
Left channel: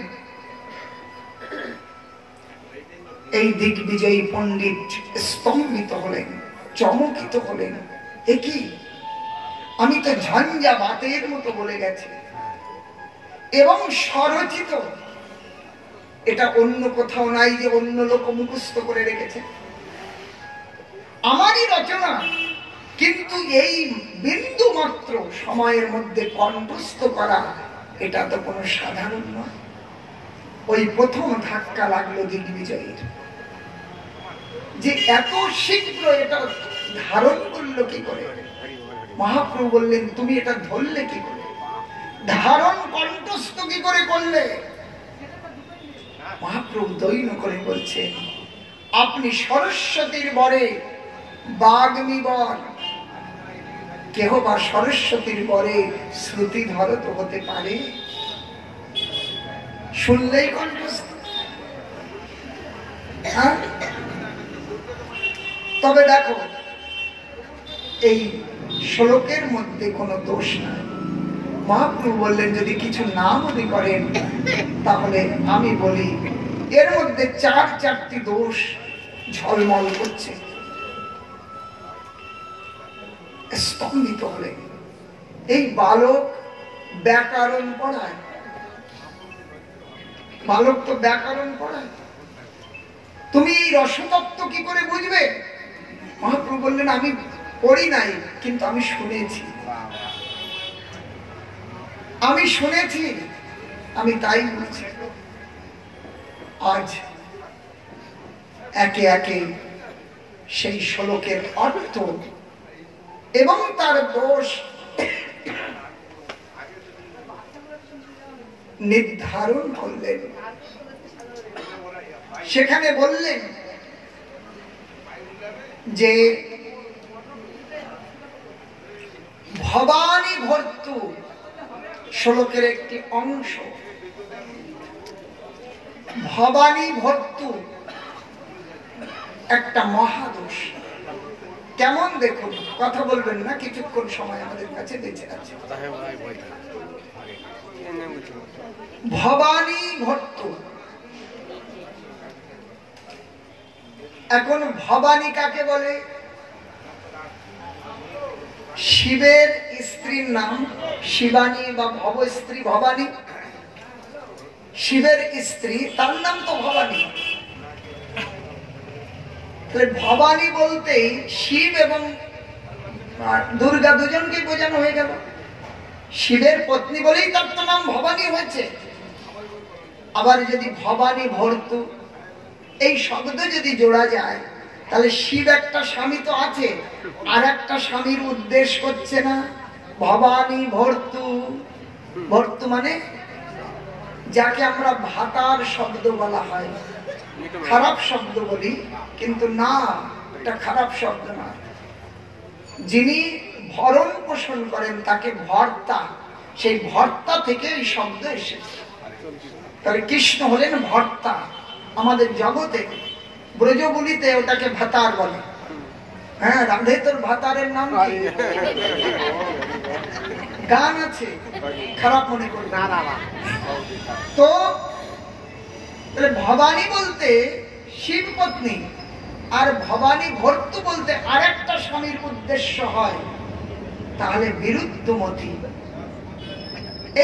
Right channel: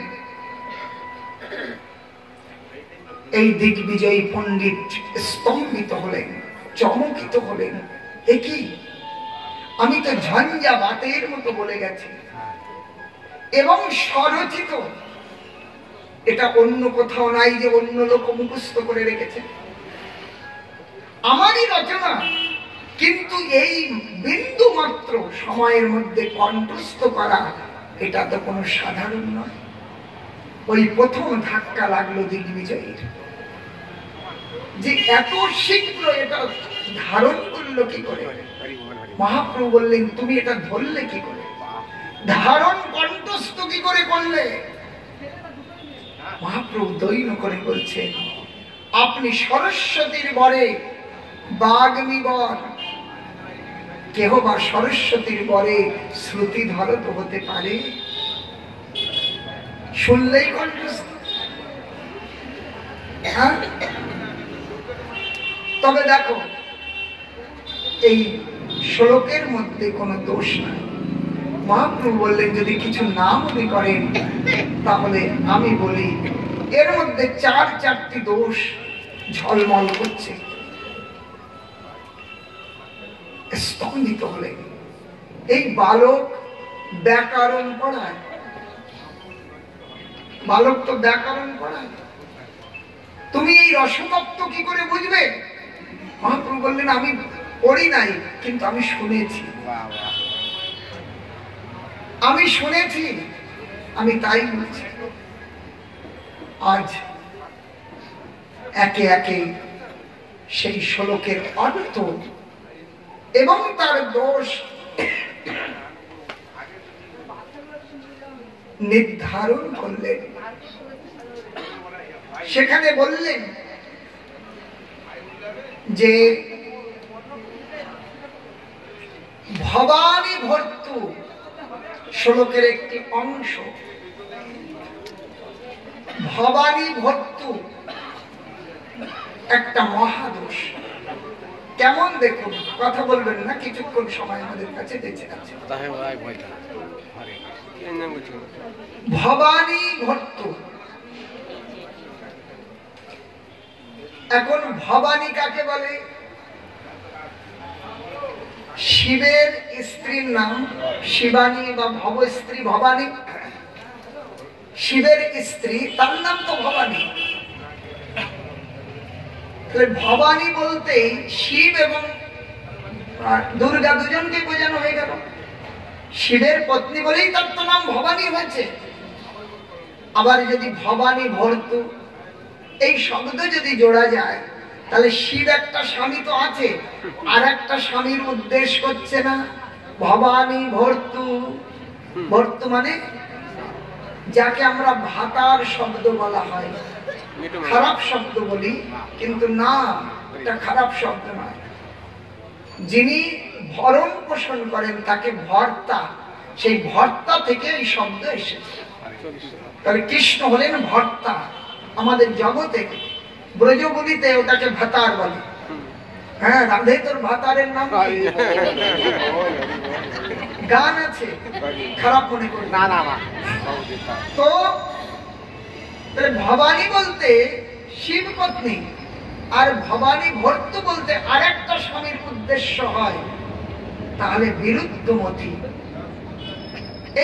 এই দিগ্বিজয়ী পণ্ডিত স্তম্ভিত হলেন, চমকিত হলেন। একই, আমি তো ঝঞ্ঝাবাতের মতো বলে গেছি এবং স্বরচিত, এটা অন্য কোথাও নাই যে অন্য লোক মুখস্থ করে রেখেছে, আমারই রচনা। কিন্তু এই বিন্দু মাত্র সময়ের মধ্যে কণ্ঠস্থ করা, এটা তো কোনো সাধারণ নয়। ওই প্রথম ধাক্কা লাগলো দিগ্বিজয়ের, যে এত শীঘ্র এটা ধারণ করলো কি করে। মহাপ্রভু বললেন তুমি এটা ধরলে কি করে, ধারণ কণ্ঠস্থ কি করে করলে? মহাপ্রভু দৈন্য করে বলছেন, আপনি সরস্বতীর বরে বাগ্মী বর, কেহ বা সরস্বতীর বরে শ্রুতি ধরত হতে পারে? শুনলেই কণ্ঠস্থ। তবে দেখো এই শ্লোকের মধ্যে কোনো দোষ নাই। মহাপ্রভু বললেন যদি কিছু না মনে করেন তাহলে আমি বলি, এর মধ্যে চারটি দোষ ঝলমল করছে। স্তম্ভিত হলে এই বালক ব্যাকরণ পড়ায়, বালক তো ব্যাকরণ পড়ায়, তুমি এই রসতত্ত্ব কি করে বুঝবে? মহাপ্রভু বললেন আমি পড়ি নাই, কিন্তু আমি শুনেছি, আমি তাই বলছি। আজ একে একে সেই শ্লোকের অর্থ এবং তার দোষ নির্ধারণ করলেন। সেখানে বললেন যে ভবানী ভর্তু শ্লোকের একটি অংশ, ভবানী ভর্তু একটা মহাদোষ। কেমন দেখুন, কথা বলবেন না, কিছুক্ষণ সময় আমাদের কাছে বেঁচে আছে। ভবানী ভর্তু, এখন ভবানী কাকে বলে? শিবের স্ত্রীর নাম শিবানী বা ভবস্ত্রী ভবানী। শিবের স্ত্রী তার নাম তো ভবানী। ভবানী বলতেই শিব এবং দুর্গা দুজনকে বোঝানো হয়ে গেল। শিবের পত্নী বলেই তার তো নাম ভবানী হয়েছে। আবার যদি ভবানী ভর্তু এই শব্দ যদি জোড়া যায়, তাহলে শিব একটা স্বামী তো আছে, আর একটা স্বামীর উদ্দেশ্য করছে না। ভবানী ভর্তু, ভর্তু মানে যাকে আমরা ভাতার শব্দ বলা হয়, খারাপ শব্দ বলি, কিন্তু না, এটা খারাপ শব্দ না। যিনি ভরণ পোষণ করেন তাকে ভর্তা, সেই ভর্তা থেকে এই শব্দ এসেছে। তাহলে কৃষ্ণ হলেন ভর্তা আমাদের জগতে। ব্রজবলিতে ওটাকে ভাতার বলে। হ্যাঁ, রাধে তোর ভাতারের নাম গান আছে, খারাপ মনে করি না। তো ভবানী বলতে শিব পত্নী, আর ভবানী ভর্তু বলতে আরেকটা স্বামীর উদ্দেশ্য হয়, তাহলে বিরুদ্ধমতি।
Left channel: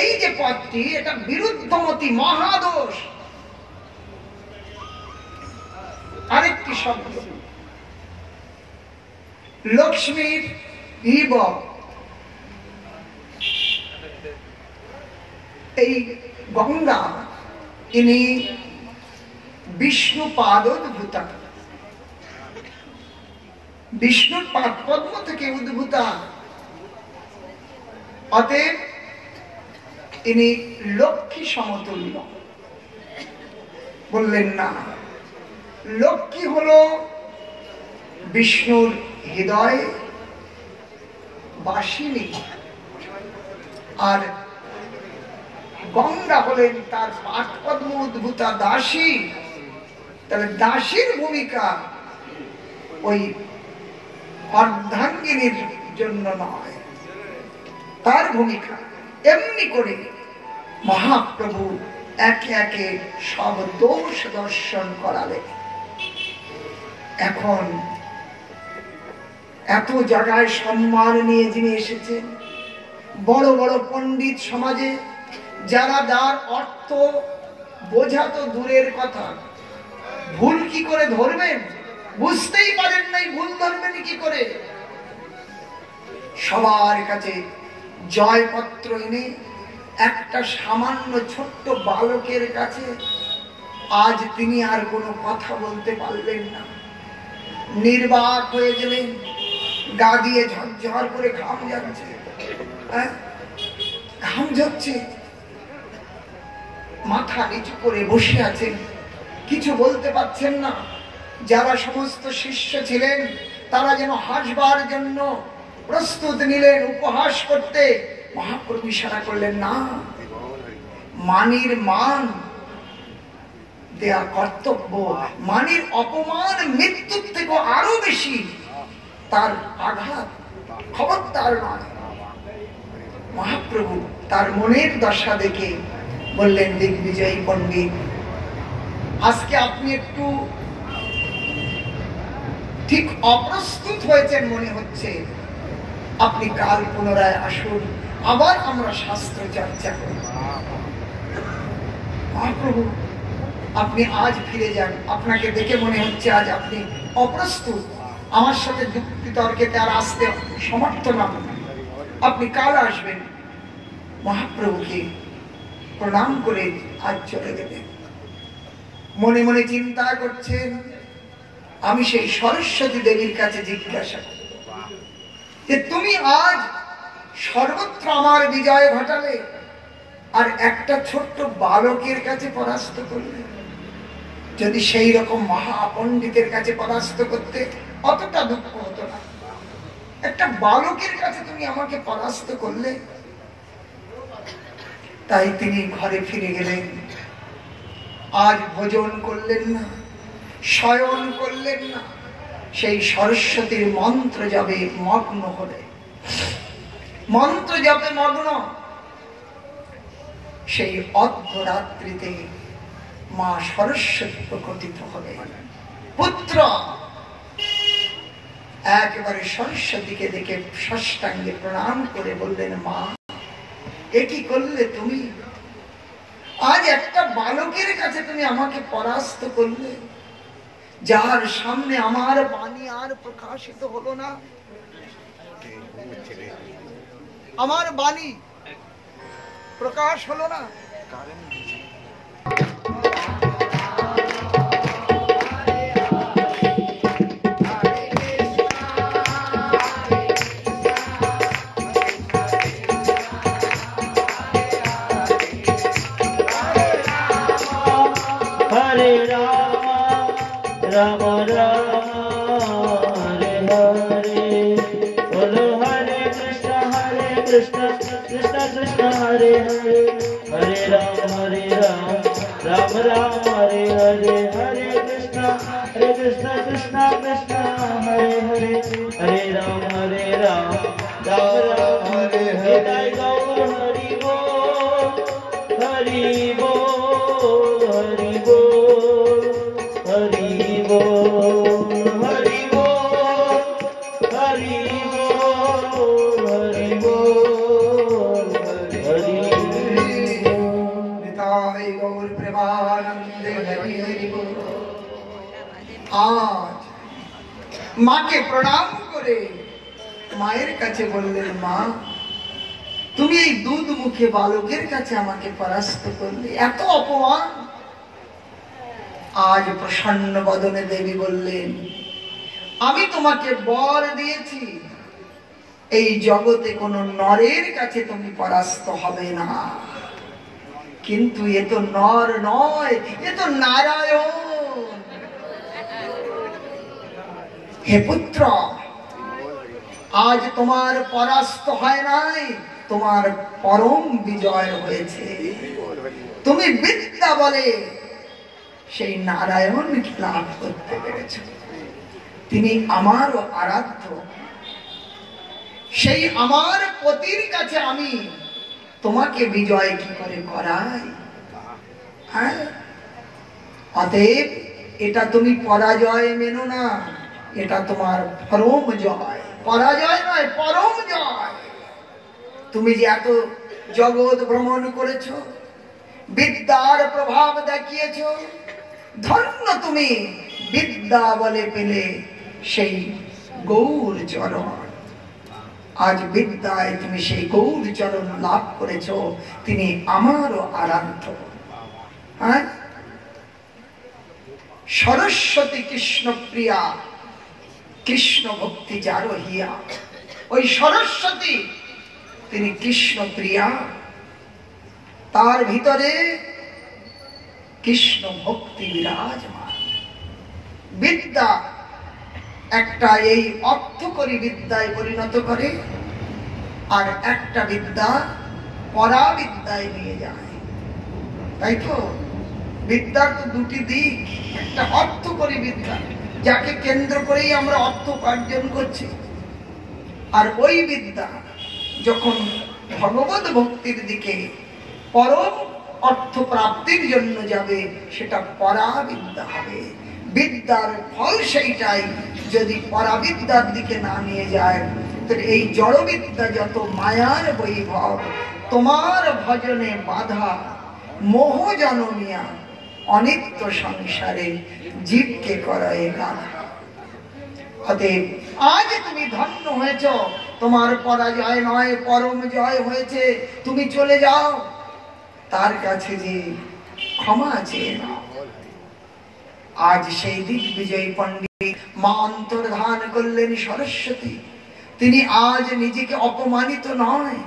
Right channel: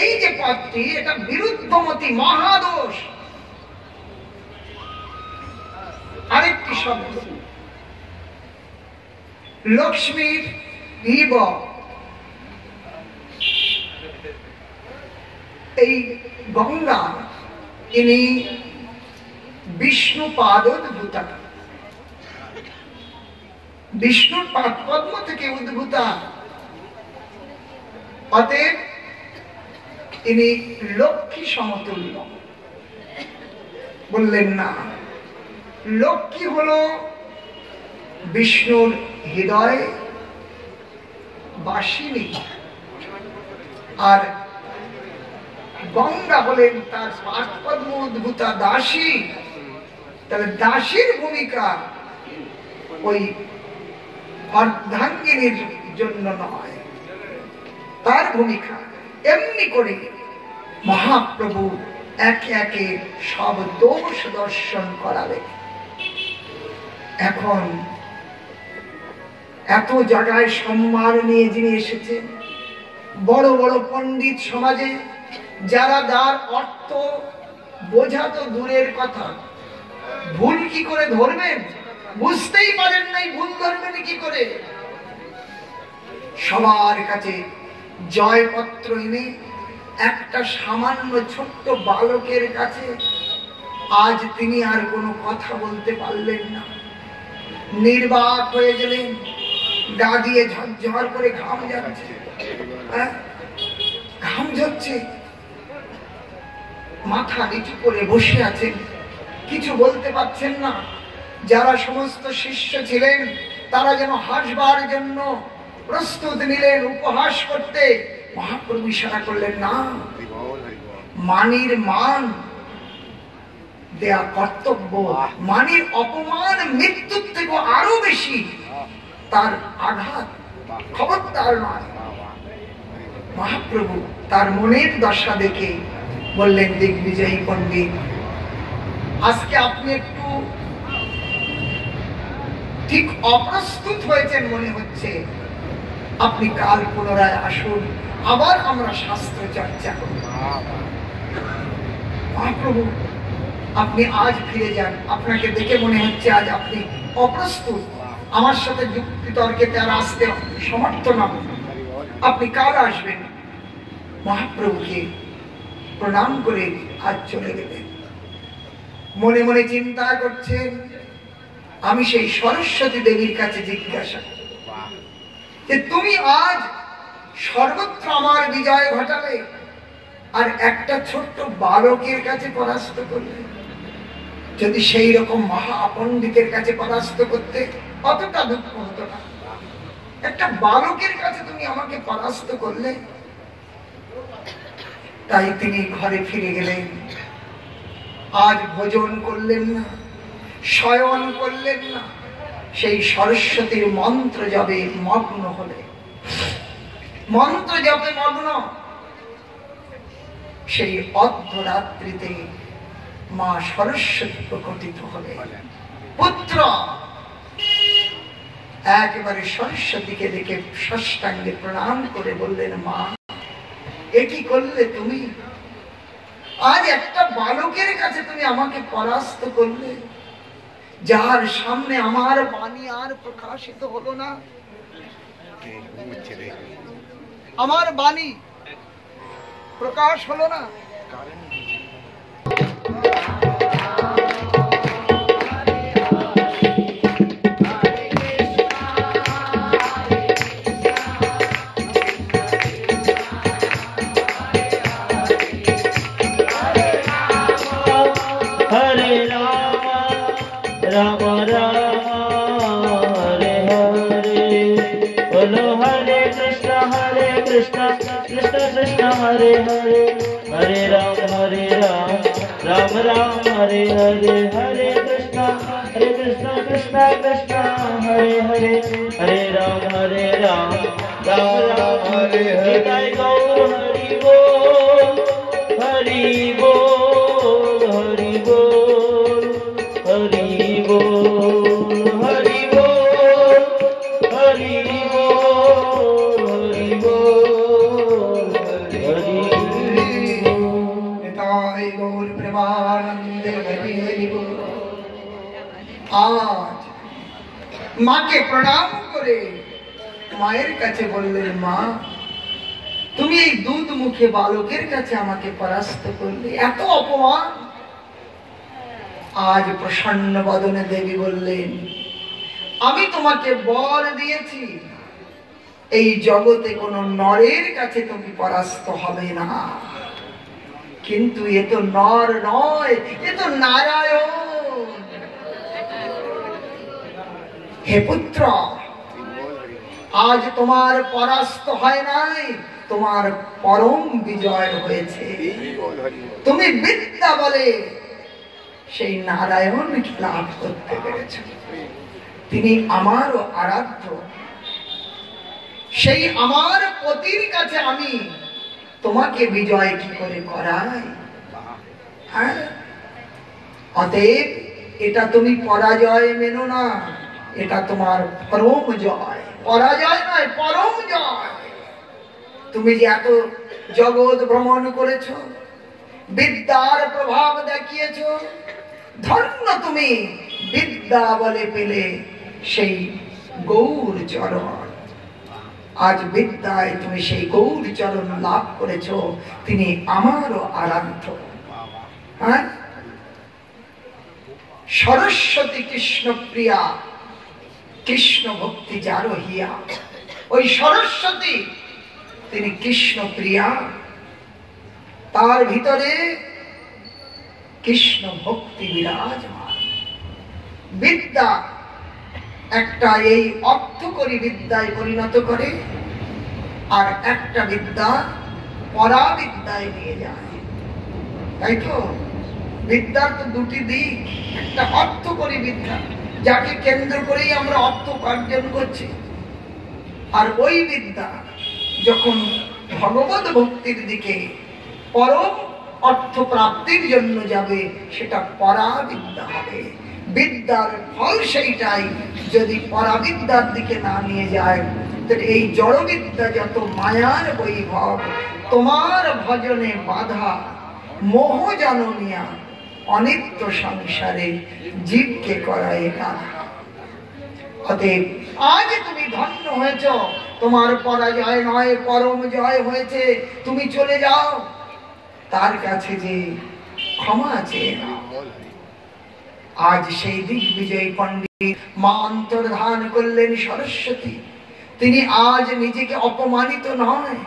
এই যে পদটি, এটা বিরুদ্ধমতি, মহাদোষ। আরেকটি শব্দ লক্ষ্মীর বিব, এই গঙ্গা ইনি বিষ্ণু পাদোদ্ভূতা, বিষ্ণুর পাদ পদ্ম থেকে উদ্ভূতা। অতএব ইনি লক্ষ্মী সমতুল্য। বললেন না, লক্ষ্মী হলো বিষ্ণুর হৃদয় বাসিনী, আর গঙ্গা হলেন তার পাদপদ্ম উদ্ভূতা দাসী। তাহলে দাসীর ভূমিকা ওই অর্ধাঙ্গিনীর জন্য নয়, তার ভূমিকা। এমনি করে মহাপ্রভু একে একে সব দোষ দর্শন করাবে। এখন এত জায়গায় সম্মান নিয়ে যিনি এসেছেন, বড় বড় পণ্ডিত সমাজে যারা যার অর্থ বোঝা তো দূরের কথা, ভুল কি করে ধরবেন, বুঝতেই পারেন নাই, ভুল ধরবেন কি করে। সবার কাছে জয়পত্র এনে একটা সামান্য ছোট্ট বালকের কাছে আজ তিনি আর কোনো কথা বলতে পারলেন না, নির্বাক হয়ে গেলেন। গা দিয়ে ঝরঝর করে ঘাম যাচ্ছে, ঘাম ঝরছে, মাথা নিচু করে বসে আছেন, কিছু বলতে পারছেন না। যারা সমস্ত শিষ্য ছিলেন তারা যেন হাসবার জন্য প্রস্তুত নিলেন, উপহাস করতে। মহাপ্রভু ইশারা করলেন, না, মানির মান দেয়া কর্তব্য। মানির অপমান মৃত্যুর থেকে আরো বেশি, তার আঘাত খবরদার নয়। মহাপ্রভু তার মনের দশা দেখে বললেন, দিগ্বিজয়ী পণ্ডিত, আজকে আপনি একটু ঠিক অপ্রস্তুত হয়েছেন মনে হচ্ছে। আপনি কাল পুনরায় আসুন, আবার আমরা শাস্ত্র চর্চা করব। মহাপ্রভু, আপনি আজ ফিরে যান, আপনাকে দেখে মনে হচ্ছে আজ আপনি অপ্রস্তুত, আমার সাথে যুক্তি তর্কে তার আসতে সমর্থ নন, আপনি কাল আসবেন। মহাপ্রভুকে প্রণাম করে আজ চলে গেলেন। মনে মনে চিন্তা করছেন, আমি সেই সরস্বতী দেবীর কাছে জিজ্ঞাসা করি যে তুমি আজ সর্বত্র আমার বিজয় ঘটালে, আর একটা ছোট্ট বালকের কাছে পরাস্ত করলে। যদি সেই রকম মহাপণ্ডিতের কাছে পরাস্ত করতে অতটা দুঃখ হতো না, একটা বালকের কাছে তুমি আমাকে পরাস্ত করলে। তাই তিনি ঘরে ফিরে গেলেন। আজ ভোজন করলেন না, শয়ন করলেন না, সেই সরস্বতীর মন্ত্র জপে মগ্ন হলে। মন্ত্র জপে মগ্ন। সেই অর্ধরাত্রিতে মা সরস্বতী প্রকটিত হলেন। পুত্র, একেবারে সরস্বতীকে দেখে সাষ্টাঙ্গে প্রণাম করে বললেন, মা এ কি করলে তুমি? আজ একটা বালকের কাছে তুমি আমাকে পরাস্ত করলে, যার সামনে আমার বাণী আর প্রকাশিত হলো না, আমার বাণী প্রকাশ হলো না। राम राम हरे हरे, बोलो हरे कृष्ण कृष्ण कृष्ण हरे हरे, हरे राम राम राम हरे हरे, हरे कृष्ण कृष्ण कृष्ण हरे हरे, हरे राम राम राम हरे हरे। हरि बोल हरि बोल हरि बोल हरि बोल हरि बोल हरि बोल हरि बोल हरि निताय गौर प्रेमानंद हरि हरि बोल। आज মাকে প্রণাম করে মায়ের কাছে বললেন, মা তুমি এই দুধ মুখে বালকের কাছে আমাকে পরাস্ত করলে, এত অপমান। আজ প্রসন্ন বদনে দেবী বললেন, আমি তোমাকে বর দিয়েছি এই জগতে কোন নরের কাছে তুমি পরাস্ত হবে না, কিন্তু এ তো নর নয়, এ তো নারায়ণ। হে পুত্র, আজ তোমার পরাস্ত হয় নাই, তোমার পরম বিজয় হয়েছে। তুমি বিদ্যা বলে সেই নারায়ণকে লাভ করতে পেরেছ। তিনি আমারও আরাধ্য, সেই আমার পতির কাছে আমি তোমাকে বিজয় কি করে করাই? হ্যাঁ, অতএব এটা তুমি পরাজয় মেনো না, এটা তোমার পরম জয়। পরাজয় নয়, পরম জয়। তুমি যে এত জগৎ ভ্রমণ করেছ, বিদ্যার প্রভাব দেখিয়েছ, ধন্য তুমি বিদ্যা বলে পেলে সেই গৌর চরণ। আজ বিদ্যায় তুমি সেই গৌর চরণ লাভ করেছ, তিনি আমারও আরাধ্য। হ্যাঁ, সরস্বতী কৃষ্ণ প্রিয়া, কৃষ্ণ ভক্তি যার হিয়া। ওই সরস্বতী তিনি কৃষ্ণ প্রিয়া, তার ভিতরে কৃষ্ণ ভক্তি বিরাজমান। বিদ্যা একটা এই অর্থকরী বিদ্যায় পরিণত করে, আর একটা বিদ্যা পরাবিদ্যায় নিয়ে যায়, তাই তো? বিদ্যার তো দুটি দিক, একটা অর্থকরী বিদ্যা যাকে কেন্দ্র করেই আমরা অর্থ উপার্জন করছি, আর ওই বিদ্যা যখন ভগবত ভক্তির দিকে পরম অর্থ প্রাপ্তির জন্য যাবে, সেটা পরাবিদ্যা হবে। বিদ্যার ফল সেইটাই, যদি পরাবিদ্যার দিকে না নিয়ে যায়, তাহলে এই জড়বিদ্যা যত মায়ার বৈভব, তোমার ভজনে বাধা, মোহ জনমিয়া অনিত্য সংসারে জীবকে করায় না। অতএব আজ তুমি ধন্য হয়েছ, তোমার পরাজয় নয়, পরম জয় হয়েছে। তুমি চলে যাও তার কাছে, যে ক্ষমা চেয়ে নাও। আজ সেই দিগ্বিজয়ী পণ্ডিত মা অন্তর্ধান করলেন সরস্বতী। তিনি আজ নিজেকে অপমানিত নয়,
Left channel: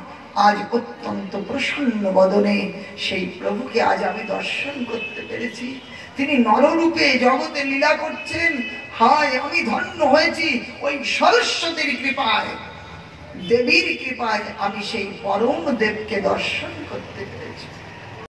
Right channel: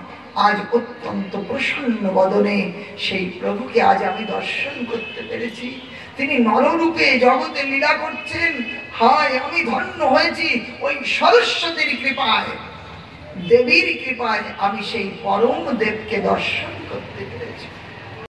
আজ অত্যন্ত প্রসন্ন বদনে সেই প্রভুকে আজ আমি দর্শন করতে পেরেছি। তিনি নররূপে জগতে লীলা করছেন। হায়, আমি ধন্য হয়েছি ওই সরস্বতীর কৃপায়, দেবীর কৃপায় আমি সেই পরম দেবকে দর্শন করতে পেরেছি।